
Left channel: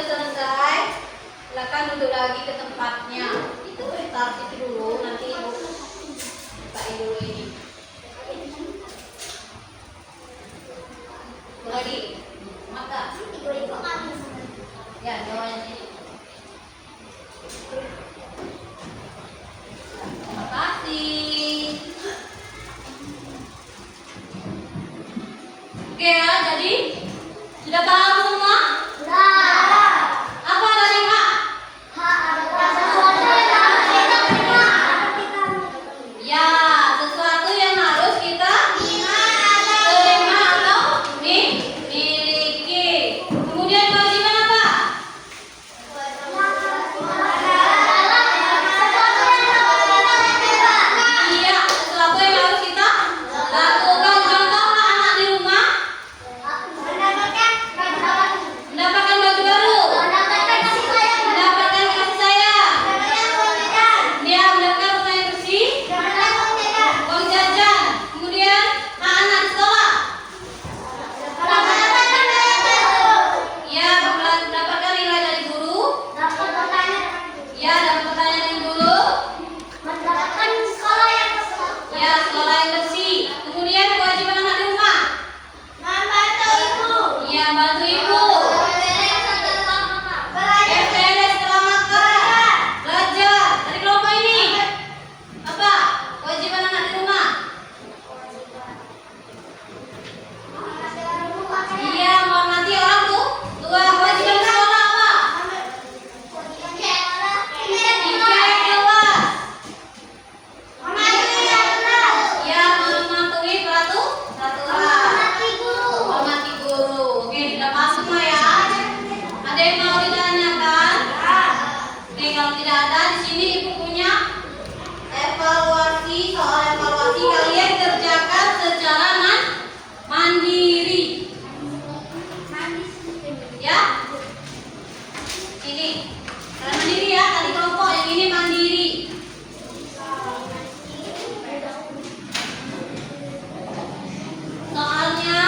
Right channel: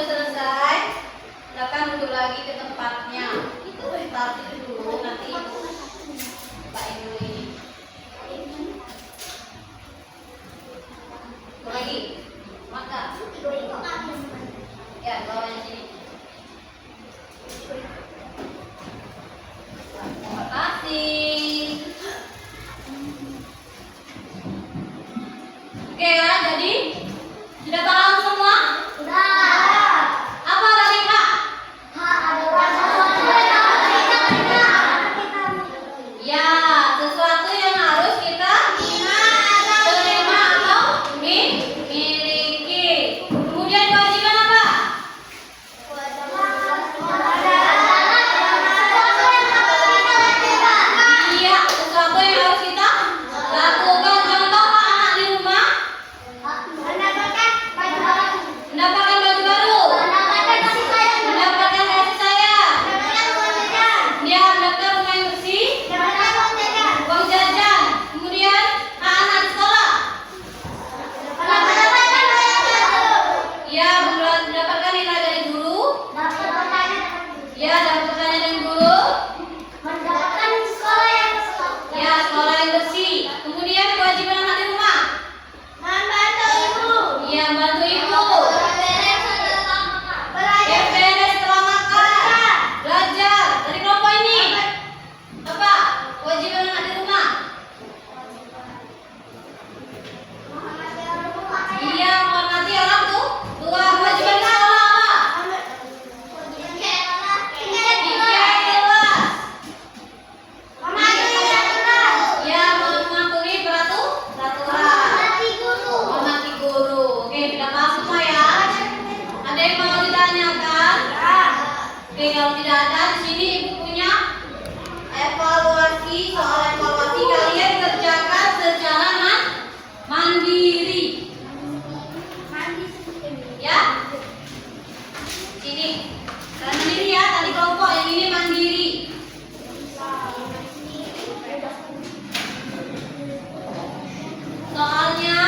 sudah selesai, silakan duduk lagi ke tempatnya. Itu taruh situ dulu, nanti ibu bukain dulu ini. Lagi, maka ya bawahnya sini. Terima kasih. Oke ya, jadi sudah paham semua? Apa tadi Kak? Ya, sesuatu yang harus kita terima atau miliki. Kemudian kewajiban apa? Iya, sesuatu yang harus kita lakukan. Contohlah anak di rumah mendapatkan baju baru, mendapatkan kasih sayang, dia mendapatkan rumah yang bersih, uang jajan. Kemudian anak di sekolah, ya mendapatkan nilai dari guru, ya dapat pertanyaan dari guru, ya sekolah yang bersih. Kemudian kewajiban anak di rumah, ya bantu ibu, beres setelah makan, belajar dari kelompok ini. Apa kewajiban anak di rumah? Iya, menghormati orang tua. Kewajiban di sekolah apa? Dicek kelas. Ya, mematuhi peraturan. Hormati guru. Oke, sudah paham semua ya? Ada yang mau ditanyakan? Oke, kalau tidak ada, di sini ibu punya evaluasi. Soal evaluasi kalian kerjakan secara mandiri. Ya? Ini kalian mandiri ya, tadi kelompok, yang ini mandiri. Soalnya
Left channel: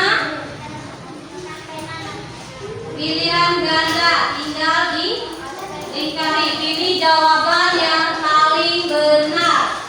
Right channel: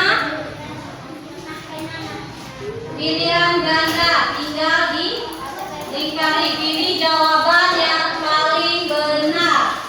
pilihan ganda, tinggal dilingkari. Pilih jawaban yang paling benar.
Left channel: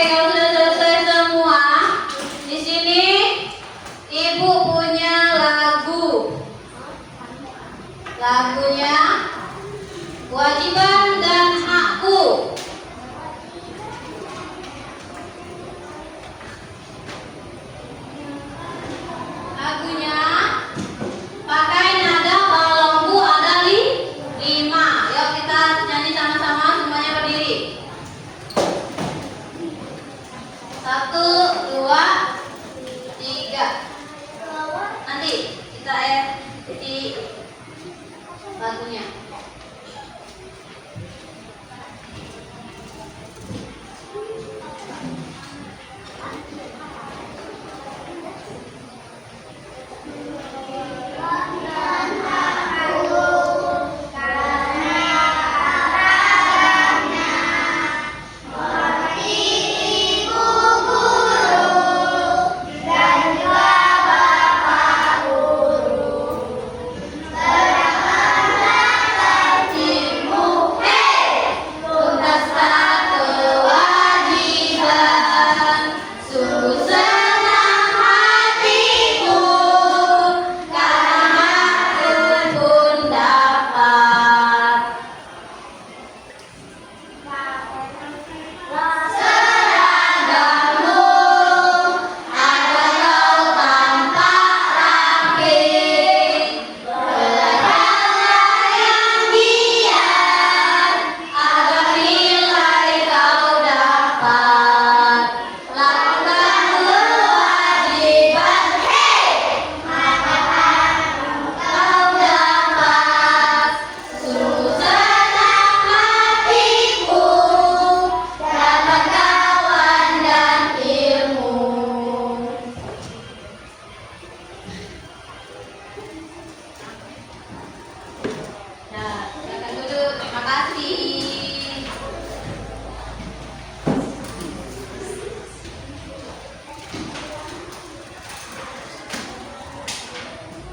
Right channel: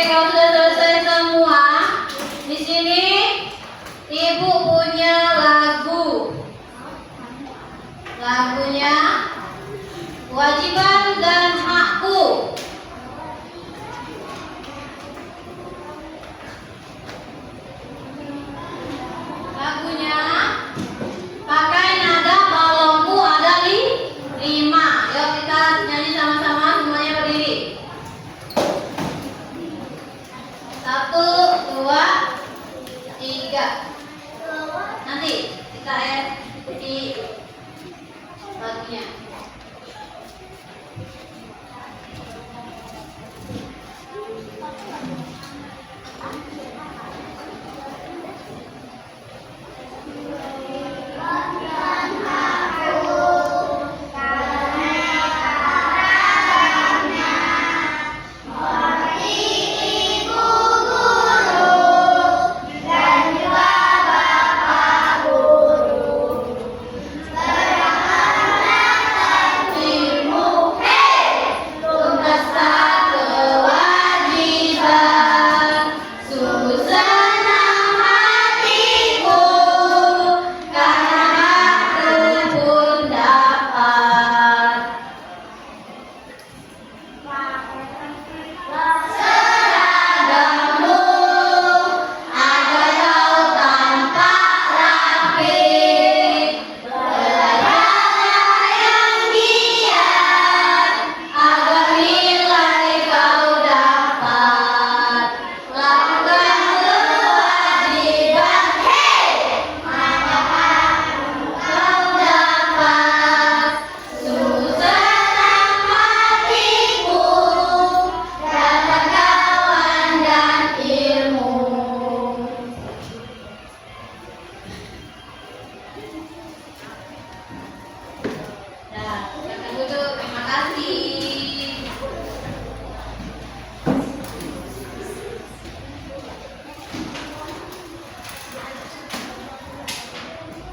Oke, kalau sudah selesai semua, di sini Ibu punya lagu. Lagunya Kewajiban dan Hakku. Lagunya pakai nada balongku ada 5. Yuk kita nyanyi sama-sama, semuanya berdiri. 1, 2, 3. Nanti kita ikuti lagunya.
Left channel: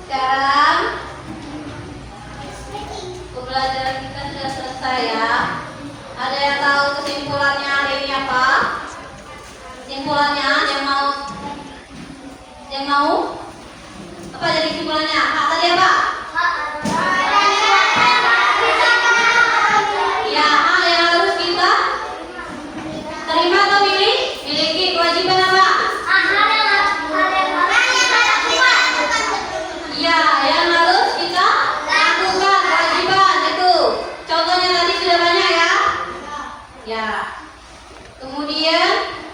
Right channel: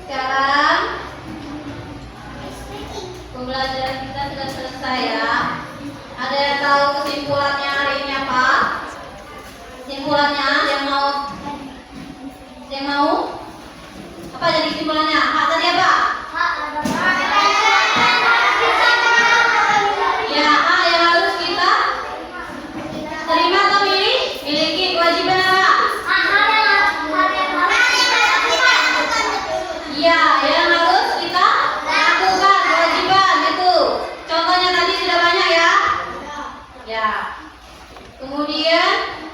Sekarang pembelajaran kita sudah selesai ya. Ada yang tahu kesimpulannya hari ini apa? Kesimpulannya yang mau? Apa jadi kesimpulannya? Hak tadi apa? Ya, hak yang harus kita terima atau miliki. Kewajiban apa? Iya, yang harus kita lakukan, kewajiban itu. Contohnya tadi sudah banyak ya. Ya. Kemudian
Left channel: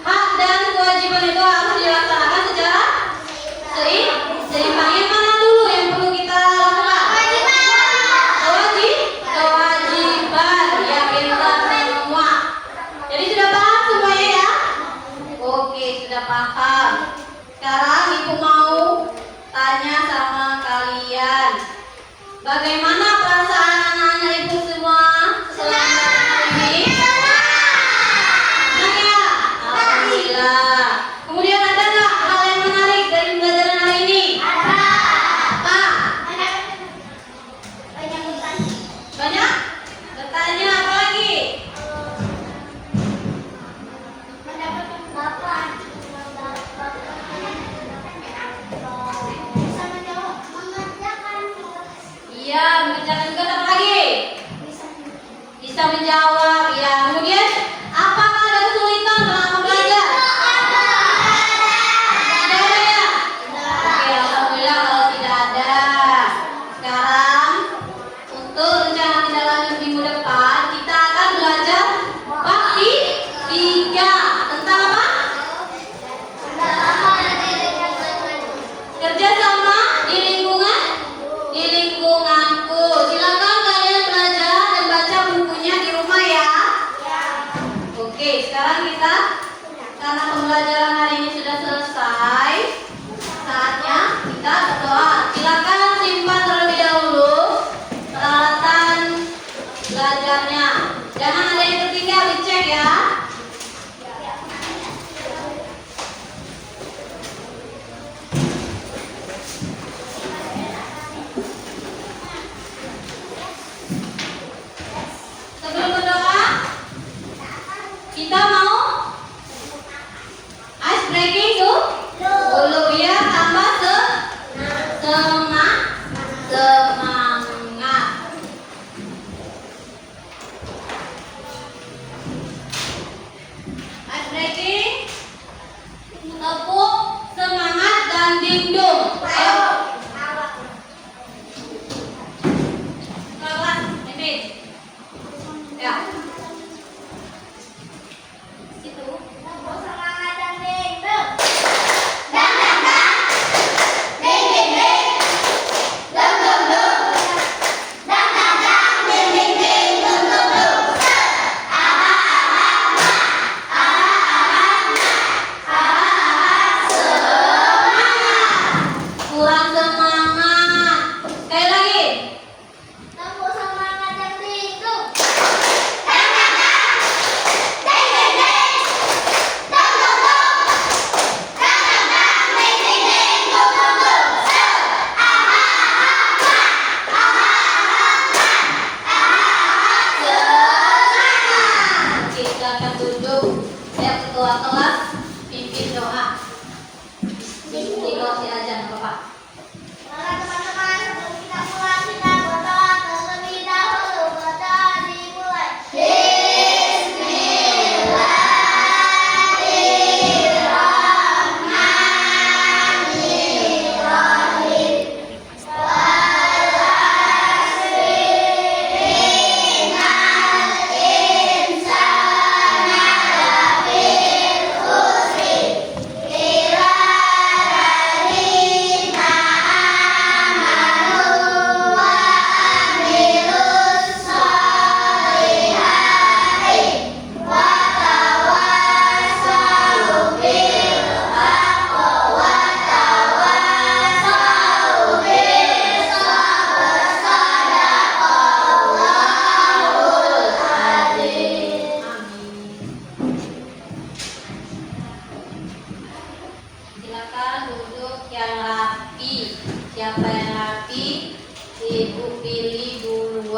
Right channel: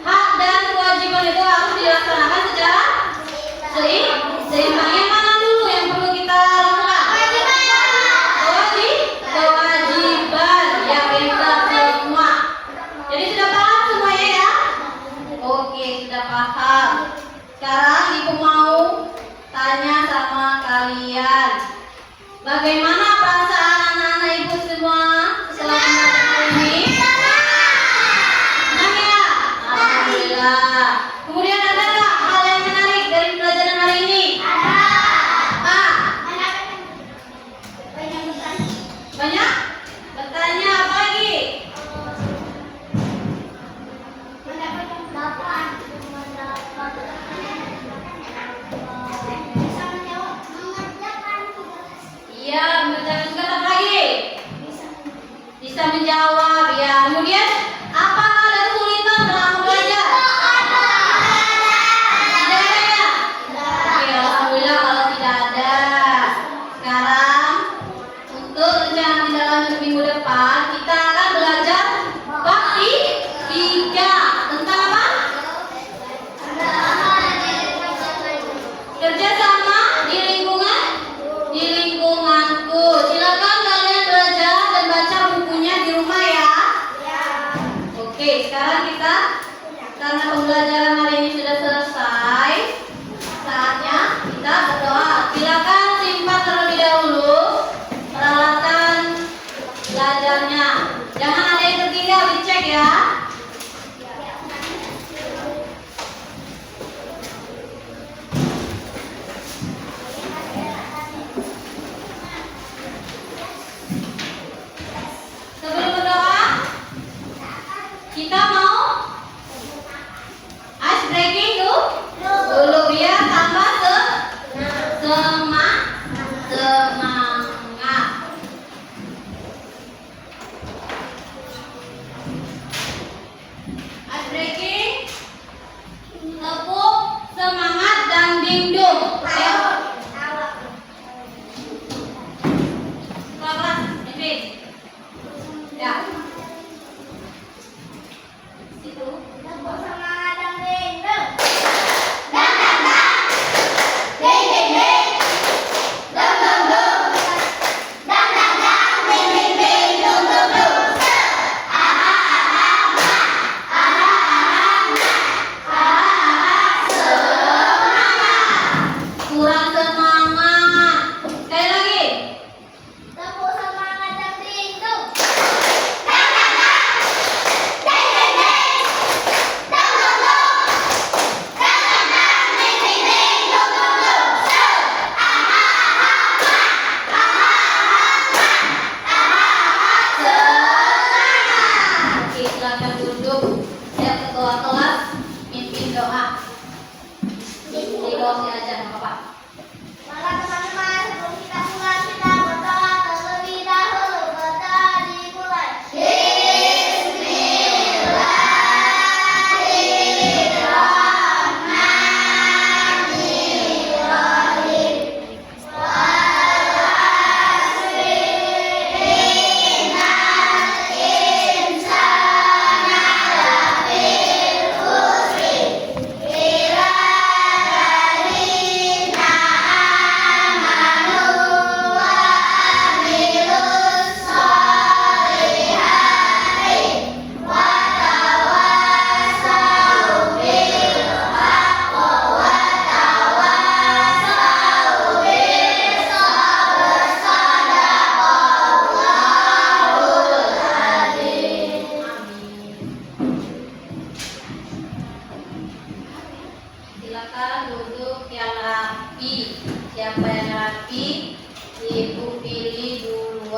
hak dan kewajiban itu harus dilaksanakan secara seimbang. Yang mana dulu yang perlu kita lakukan? Kewajiban yang kita semua. Jadi sudah paham semuanya ya? Oke, sudah paham. Sekarang Ibu mau tanya sama kalian, bagaimana perasaan anak-anak Ibu semua setelah belajar hari ini? Senang ya? Alhamdulillah. Kemudian ada nggak hal yang menarik dari pelajaran hari ini? Apa? Banyak? Bertanya apa lagi? Iya, mengerjakan juga apa lagi? Bisa menjawab ya. Kemudian apakah ada kesulitan dalam belajar? Tidak ada ya? Oke, alhamdulillah kalau tidak ada. Sekarang untuk rencana tindak lanjut minggu depan kita akan belajar bab 3 tentang apa? Kerja sama di lingkunganku. Silakan kalian belajar dan baca bukunya di rumah ya. Oke, sekarang kita karena pembelajaran hari ini sudah selesai, saatnya kita berdoa. Silakan simpan terlebih dahulu peralatan belajarnya. Jangan ada yang tertinggal, dicek ya. Sebelum berdoa, kita mau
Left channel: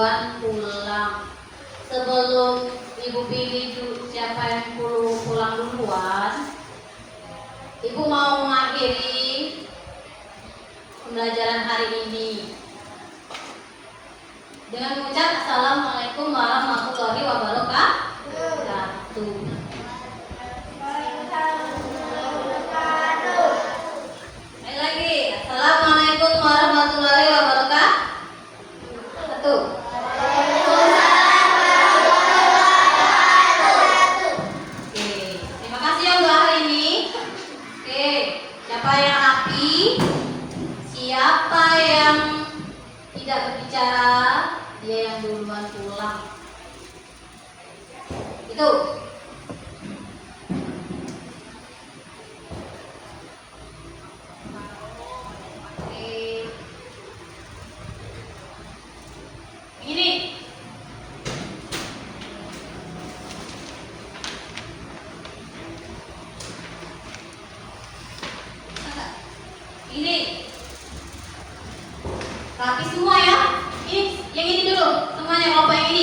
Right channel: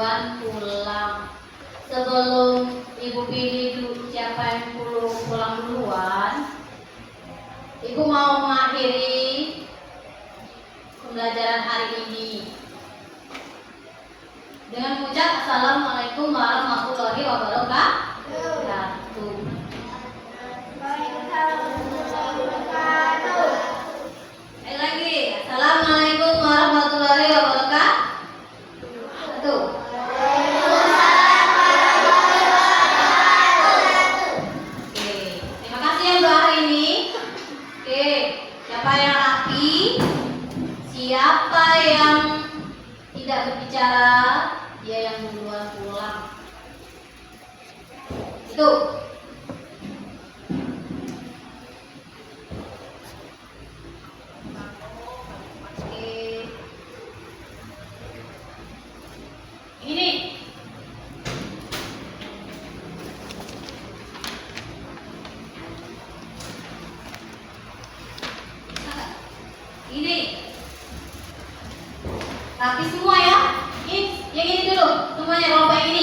duluan pulang. Sebelum Ibu pilih siapa yang pulang duluan, Ibu mau mengakhiri pembelajaran hari ini dengan mengucap Assalamualaikum warahmatullahi wabarakatuh. Sekali lagi, Assalamualaikum warahmatullahi wabarakatuh. Oke, terima kasih ya Mbak hari ini. Oke, siapa yang rapi? Siapa yang tidak berbicara? Dia yang duluan pulang. Itu. Oke. Ini. Ini. Rapi semua ya. Yang ini dulu. Semuanya kelompok ini